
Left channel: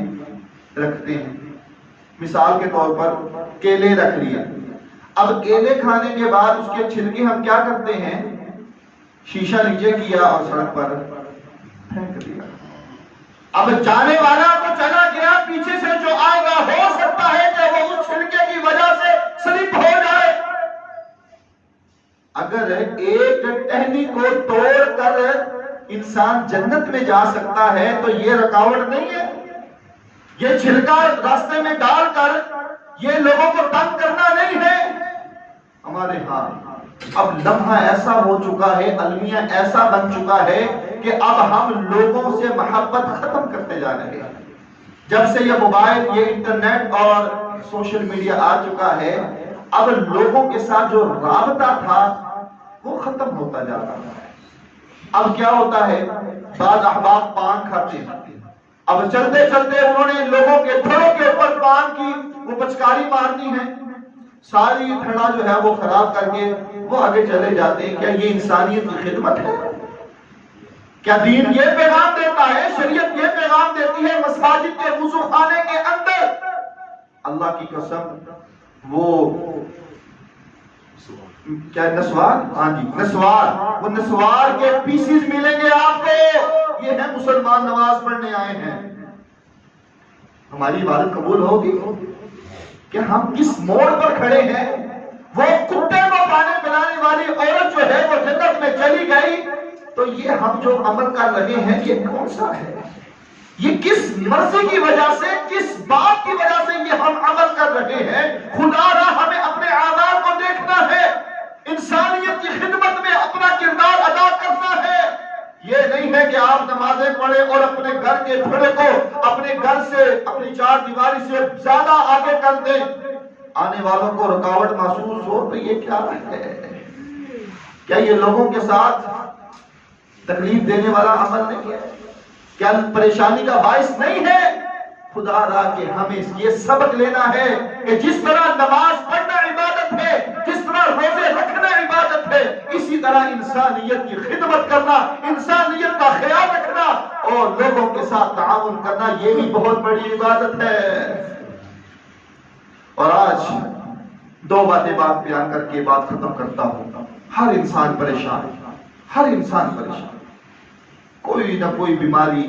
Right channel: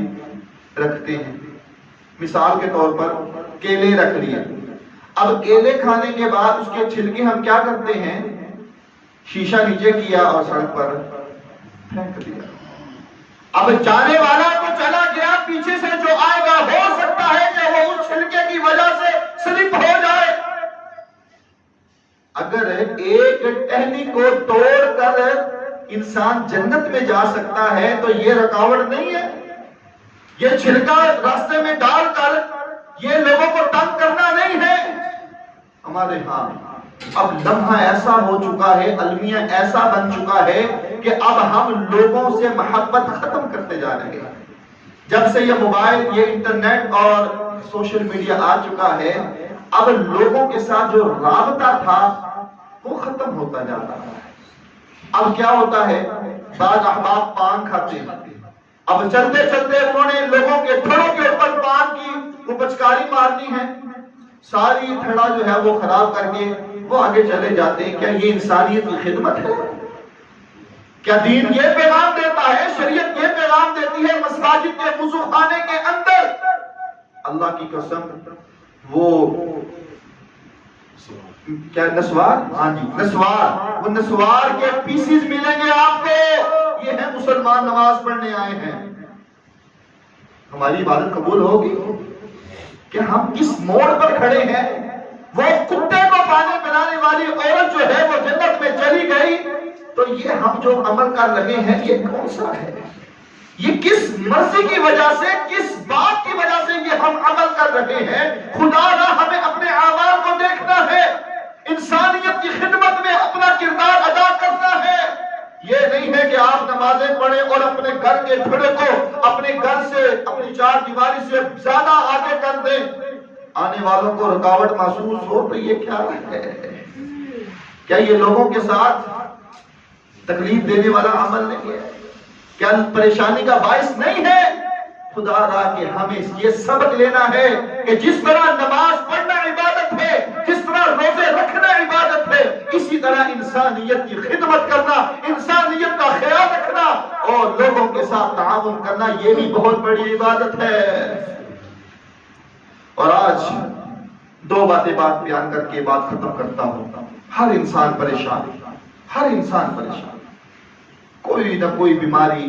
رکھتے ہیں۔ مثال کے طور پر کیلے رکھ لیے، اب کیلے کھانے کے بعد اس کے چھلکے ہم کیا کرتے ہیں؟ شیشہ نیچے کیا اور سڑک پر پھینک دیا۔ اب جانے والا تو چلا گیا، پیچھے سے جو آئے گا ہو سکتا ہے کہ وہ اس چھلکے کی وجہ سے سلپ ہو جائے۔ اگر ایک ٹہنی کو توڑ کر انسان جنت میں جا سکتا ہے تو یہ رکاوٹ نہیں ہے؟ یہ چھلکا راستے میں ڈال کر یہ لوگوں کو تنگ کرنا نہیں ہے؟ ہمارے ہاں اب لمحہ ایسا ہو چکا ہے، المیہ ایسا بن چکا ہے کہ اب ہم لوگوں سے محبت ختم کرتے جا رہے ہیں. جب سے یہ موبائل، یہ انٹرنیٹ اور سوشل میڈیا آ چکا ہے، اب لوگوں کے ساتھ جو رابطہ تھا وہ ختم ہوتا جا رہا ہے. اب کیا ہوتا ہے، بعض احباب پان کھاتے ہیں، اب چلتے چلتے انہوں نے لوگوں کے تھڑوں کے اوپر پان کی وہ پچکاری مارنی ہے، ساری تھڑا جو ہے وہ خراب کر کے وہ آگے چلے جاتے ہیں. کیا یہ انسانیت کی خدمت ہے؟ کیا دین یہ پیغام دیتا ہے، شریعت یہ پیغام دیتی ہے مساجد کے وضو خانے کے اندر؟ اللہ کی قسم وہ کیا نسوار، ہاں جی نسوار، وہ نسوار کے پیسز ملیں گے آپ کو. یہ ہیں مسلمان نماز پڑھنے آئے ہیں. ہماری عبادت قبول ہوگی کہ ہم کس موڑ پر کھڑے ہیں؟ وہ کتے کو پانے پلانے والی عورت جو ہے وہ جنت میں چلی گئی، تو یہ ہم جو عمل کر رہے ہیں یہ کون سا ہے؟ یہ کس مرضی کی وجہ سے، کس بات کی وجہ سے یہ ہم عمل کر رہے ہیں؟ خدا را ہمیں اپنے اعمال کو دیکھنا ہے، انسانیت کی خدمت میں اپنا کردار ادا کرنا ہے. یہ نہیں ہے کہ آپ نمازیں پڑھیں اور اپنے گھر کے پھڑے کو اپنے گھر سے، اپنی چار دیواری سے زیادہ آگے کر دیں. آنے والوں کو رکاوٹ محسوس ہو تو یہ کیا ہے؟ کیا یہ لوگوں کے ساتھ تکلیف دینے والا عمل نہیں ہے؟ کیا پریشانی کا باعث نہیں ہے؟ خدا را کہ ہمیں یہ سبق لینا ہے کہ جس طرح نماز پڑھنا عبادت ہے، جس طرح روزے رکھنا عبادت ہے، اسی طرح انسانیت کی خدمت کرنا، انسانیت کا خیال رکھنا اور لوگوں کے ساتھ تعاون کرنا یہ بھی بہت بڑی عبادت ہے. اور آج دو بات بیان کر کے بات ختم کرتا ہوں. ہر انسان پریشان، ہر انسان پریشان، کوئی نہ کوئی بیماری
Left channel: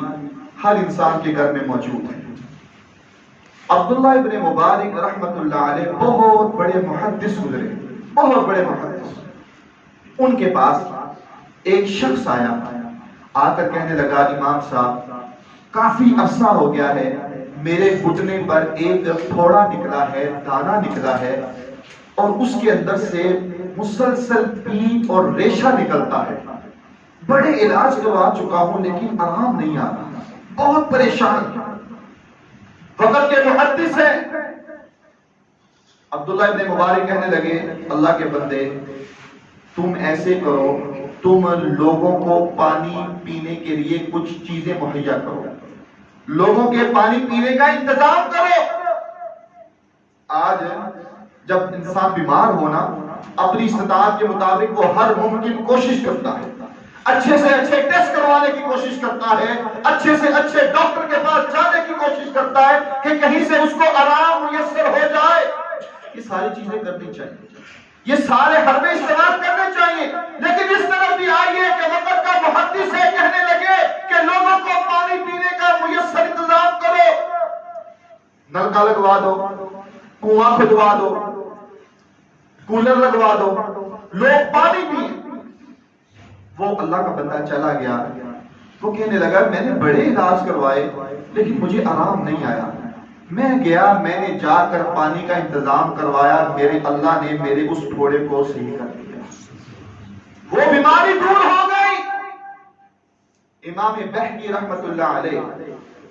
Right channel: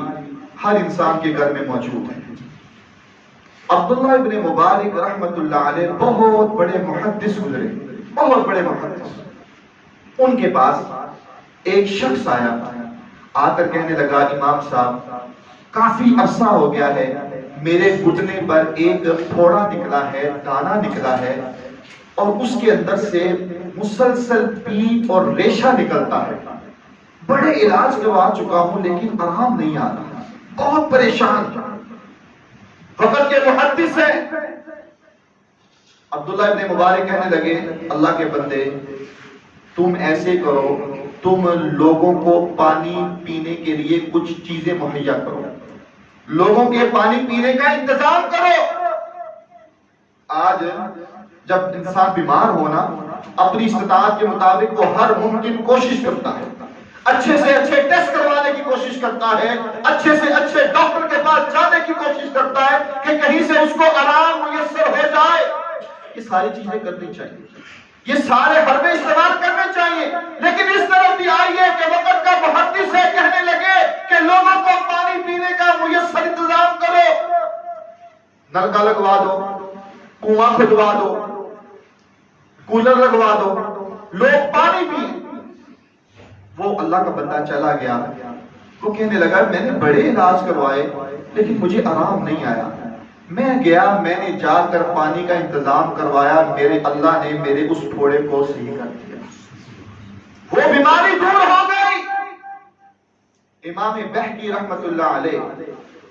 ہر انسان کے گھر میں موجود ہے. عبداللہ ابن مبارک رحمت اللہ علیہ بہت بڑے محدث گزرے، بہت بڑے محدث. ان کے پاس ایک شخص آیا، آ کر کہنے لگا امام صاحب کافی عرصہ ہو گیا ہے، میرے گھٹنے پر ایک پھوڑا نکلا ہے، دانا نکلا ہے اور اس کے اندر سے مسلسل پیپ اور ریشہ نکلتا ہے. بڑے علاج کروا چکا ہوں لیکن آرام نہیں آتا، بہت پریشان. وقت کے محدث ہیں. عبداللہ ابن مبارک کہنے لگے اللہ کے بندے تم ایسے کرو، تم لوگوں کو پانی پینے کے لیے کچھ چیزیں مہیا کرو، لوگوں کے پانی پینے کا انتظام کرو. آج جب انسان بیمار ہونا اپنی استطاعت کے مطابق وہ ہر ممکن کوشش کرتا ہے، اچھے سے اچھے ٹیسٹ کروانے کی کوشش کرتا ہے، اچھے سے اچھے ڈاکٹر کے پاس جانے کی کوشش کرتا ہے کہ کہیں سے اس کو آرام میسر ہو جائے. یہ ساری چیزیں کرنی چاہیے، یہ سارے حربے استعمال کرنے چاہیے. لیکن اس طرف بھی آئیے کہ وقت کا محدث ہے کہنے لگے کہ لوگوں کو پانی پینے کا میسر انتظام کرو، نلکا لگوا دو، کنواں کھدوا دو، کولر لگوا دو، لوگ پانی پئیں. وہ اللہ کا بندہ چلا گیا، وہ کہنے لگا میں نے بڑے علاج کروائے لیکن مجھے آرام نہیں آیا. میں گیا، میں نے جا کر پانی کا انتظام کروایا، میرے اللہ نے میرے اس پھوڑے کو صحیح کر دیا، وہ بیماری دور ہو گئی. امام بہقی رحمت اللہ علیہ،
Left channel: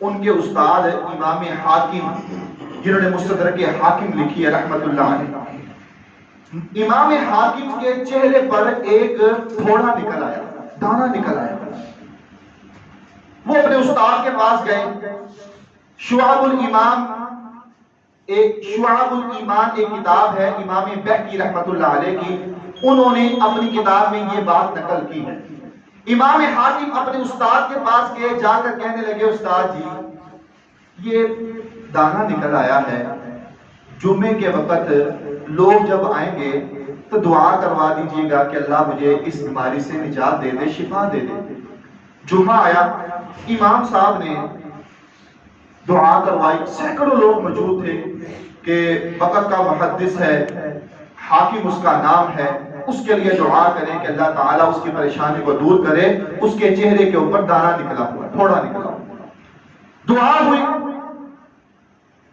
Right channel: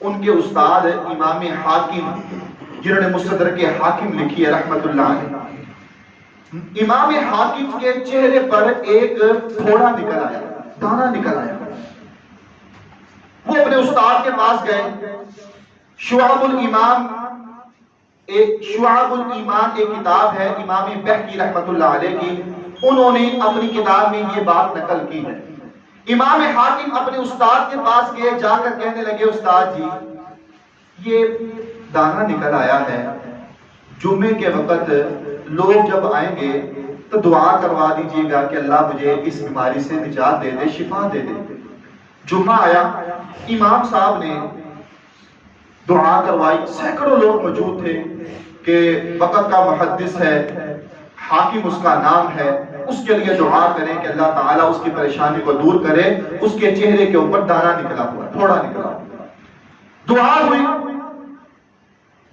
ان کے استاد امام حاکم جنہوں نے مستدرک حاکم لکھی ہے رحمت اللہ علیہ، امام حاکم کے چہرے پر ایک پھوڑا نکل آیا، دانا نکل آیا. وہ اپنے استاد کے پاس گئے. شعب الایمان ایک کتاب ہے امام بہقی رحمت اللہ علیہ کی، انہوں نے اپنی کتاب میں یہ بات نقل کی ہے. امام حاکم اپنے استاد کے پاس گئے، جا کر کہنے لگے استاد جی یہ دانا نکل آیا ہے، جمعے کے وقت لوگ جب آئیں گے تو دعا کروا دیجیے گا کہ اللہ مجھے اس بیماری سے نجات دے دے، شفا دے دے. جمعہ آیا، امام صاحب نے دعا کروائی، سینکڑوں لوگ موجود تھے کہ وقت کا محدث ہے، حاکم اس کا نام ہے، اس کے لیے دعا کریں کہ اللہ تعالیٰ اس کی پریشانی کو دور کرے. اس کے چہرے کے اوپر دانا نکلا ہوا، پھوڑا نکلا ہوا. دعا ہوئی،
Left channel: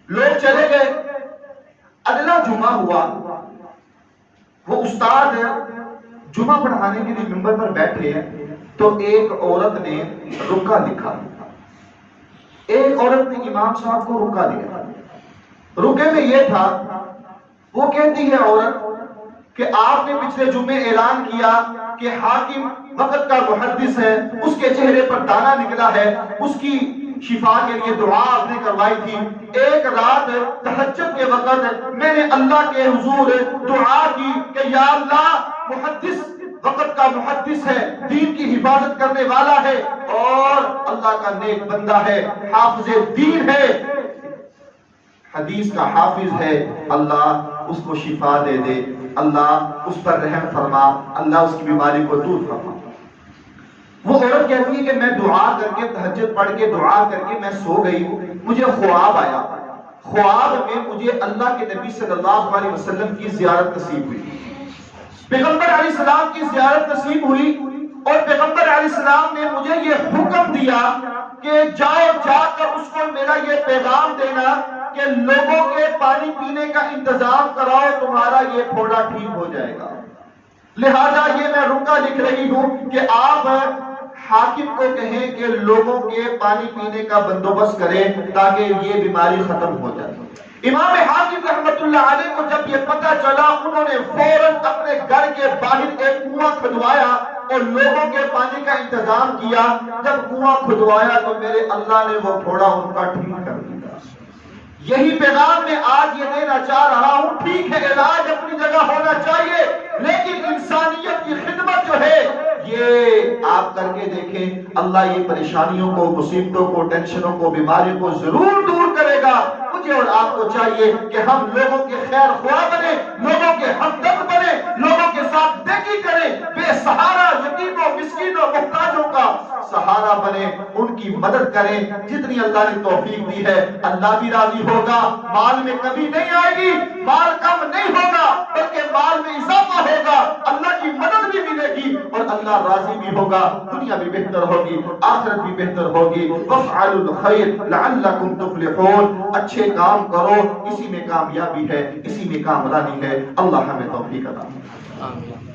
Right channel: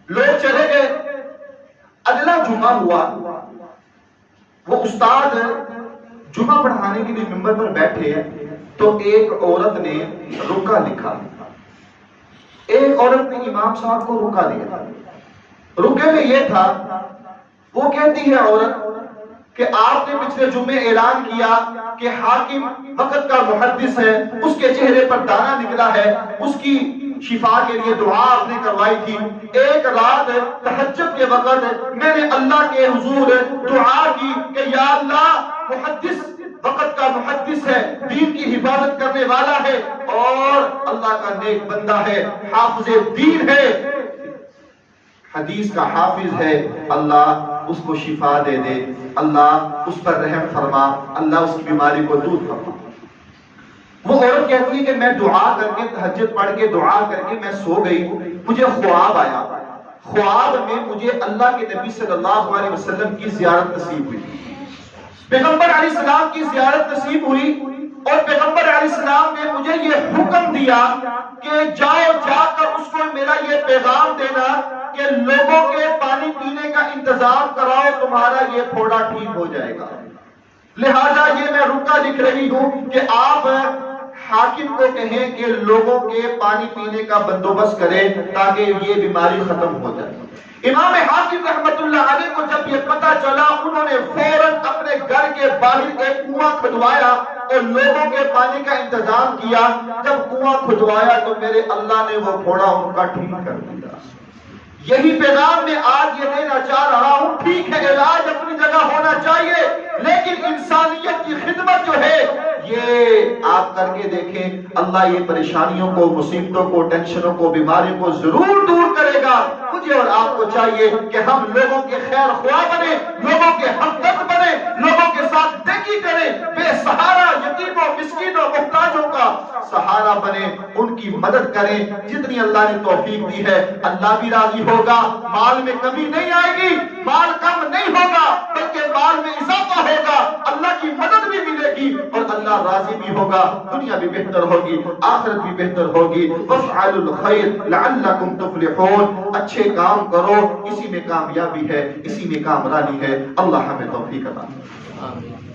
لوگ چلے گئے. اگلا جمعہ ہوا، وہ استاد جمعہ پڑھانے کے لیے ممبر پر بیٹھے، تو ایک عورت نے رکا لکھا، ایک عورت نے امام صاحب کو رکا دیا. رکے میں یہ تھا، وہ کہتی ہے عورت کہ آپ نے پچھلے جمعے اعلان کیا کہ حاکم وقت کا محدث ہے، اس کے چہرے پر دانا نکلا ہے، اس کی شفا کے لیے دعا آپ نے کروائی تھی. ایک رات تہجد کے وقت میں نے اللہ کے حضور دعا کی کہ یا اللہ، محدث وقت کا محدث ہے، دین کی حفاظت کرنے والا ہے اور اللہ کا نیک بندہ ہے، حافظ دین ہے، حدیث کا حافظ ہے، اللہ اس کو شفا دے دے، اللہ اس پر رحم فرما، اللہ اس کی بیماری کو دور فرما. وہ عورت کہتی ہے کہ میں دعا کر کے، تہجد پڑھ کے دعا کر کے میں سو گئی، مجھے خواب آیا، خواب میں مجھے اللہ کے نبی صلی اللہ علیہ وسلم کی زیارت نصیب ہوئی، پیغمبر علیہ السلام کی زیارت نصیب ہوئی، اور پیغمبر علیہ السلام نے مجھے یہ حکم دیا کہ جاؤ، جا کر اس کو میرا یہ پیغام دینا کہ لوگوں کے پانی پینے کا انتظام کراؤ، تمہارا یہ پھوڑا ٹھیک ہو جائے گا. لہذا یہ میں رکا لکھ رہی ہوں کہ آپ حاکم کو کہیں کہ لوگوں کے پانی پینے کا بندوبست کریں تاکہ یہ بیماری ختم ہو جائے. امام حاکم رحمت اللہ علیہ کو جب یہ پتہ چلا، انہوں نے فوراً اپنے گھر کے باہر ایک کنواں کھدوایا اور لوگوں کے پانی کا انتظام کیا. جب کنواں کھدوایا تو میرے اللہ نے وہ پھوڑا ان کا ٹھیک کر دیا. یہی پیغام میں آج یہ دینا چاہ رہا ہوں. ٹھیک ہے، علاج اپنی جگہ ہونا چاہیے، لیکن انسانیت کی خدمت جو ہے یہ آپ کر کے دیکھیں، اللہ یہ پریشانیوں کو، مصیبتوں کو، ٹینشنوں کو، بیماریوں کو ضرور دور کرے گا. مجھے اور آپ کو چاہیے کہ ہم لوگوں کے خیر خواہ بنے، لوگوں کے ہمدرد بنے، لوگوں کے ساتھ نیکی کریں، بے سہارا یتیموں، مسکینوں، محتاجوں کا سہارا بنے، ان کی مدد کریں. جتنی اللہ نے توفیق دی ہے اللہ بھی راضی ہوگا. مال میں کمی نہیں آئے گی، مال کم نہیں ہوگا، بلکہ مال میں اضافہ ہوگا، اللہ کی مدد بھی ملے گی اور اللہ راضی بھی ہوگا. دنیا بھی بہتر ہوگی، آخرت بھی بہتر ہوگی. وَافْعَلُوا الْخَيْرَ لَعَلَّكُمْ تُفْلِحُونَ. اچھے کام کرو، اسی میں کامیابی ہے، اسی میں کامرانی ہے. اللہ ہمیں توفیق عطا فرمائے. آمین.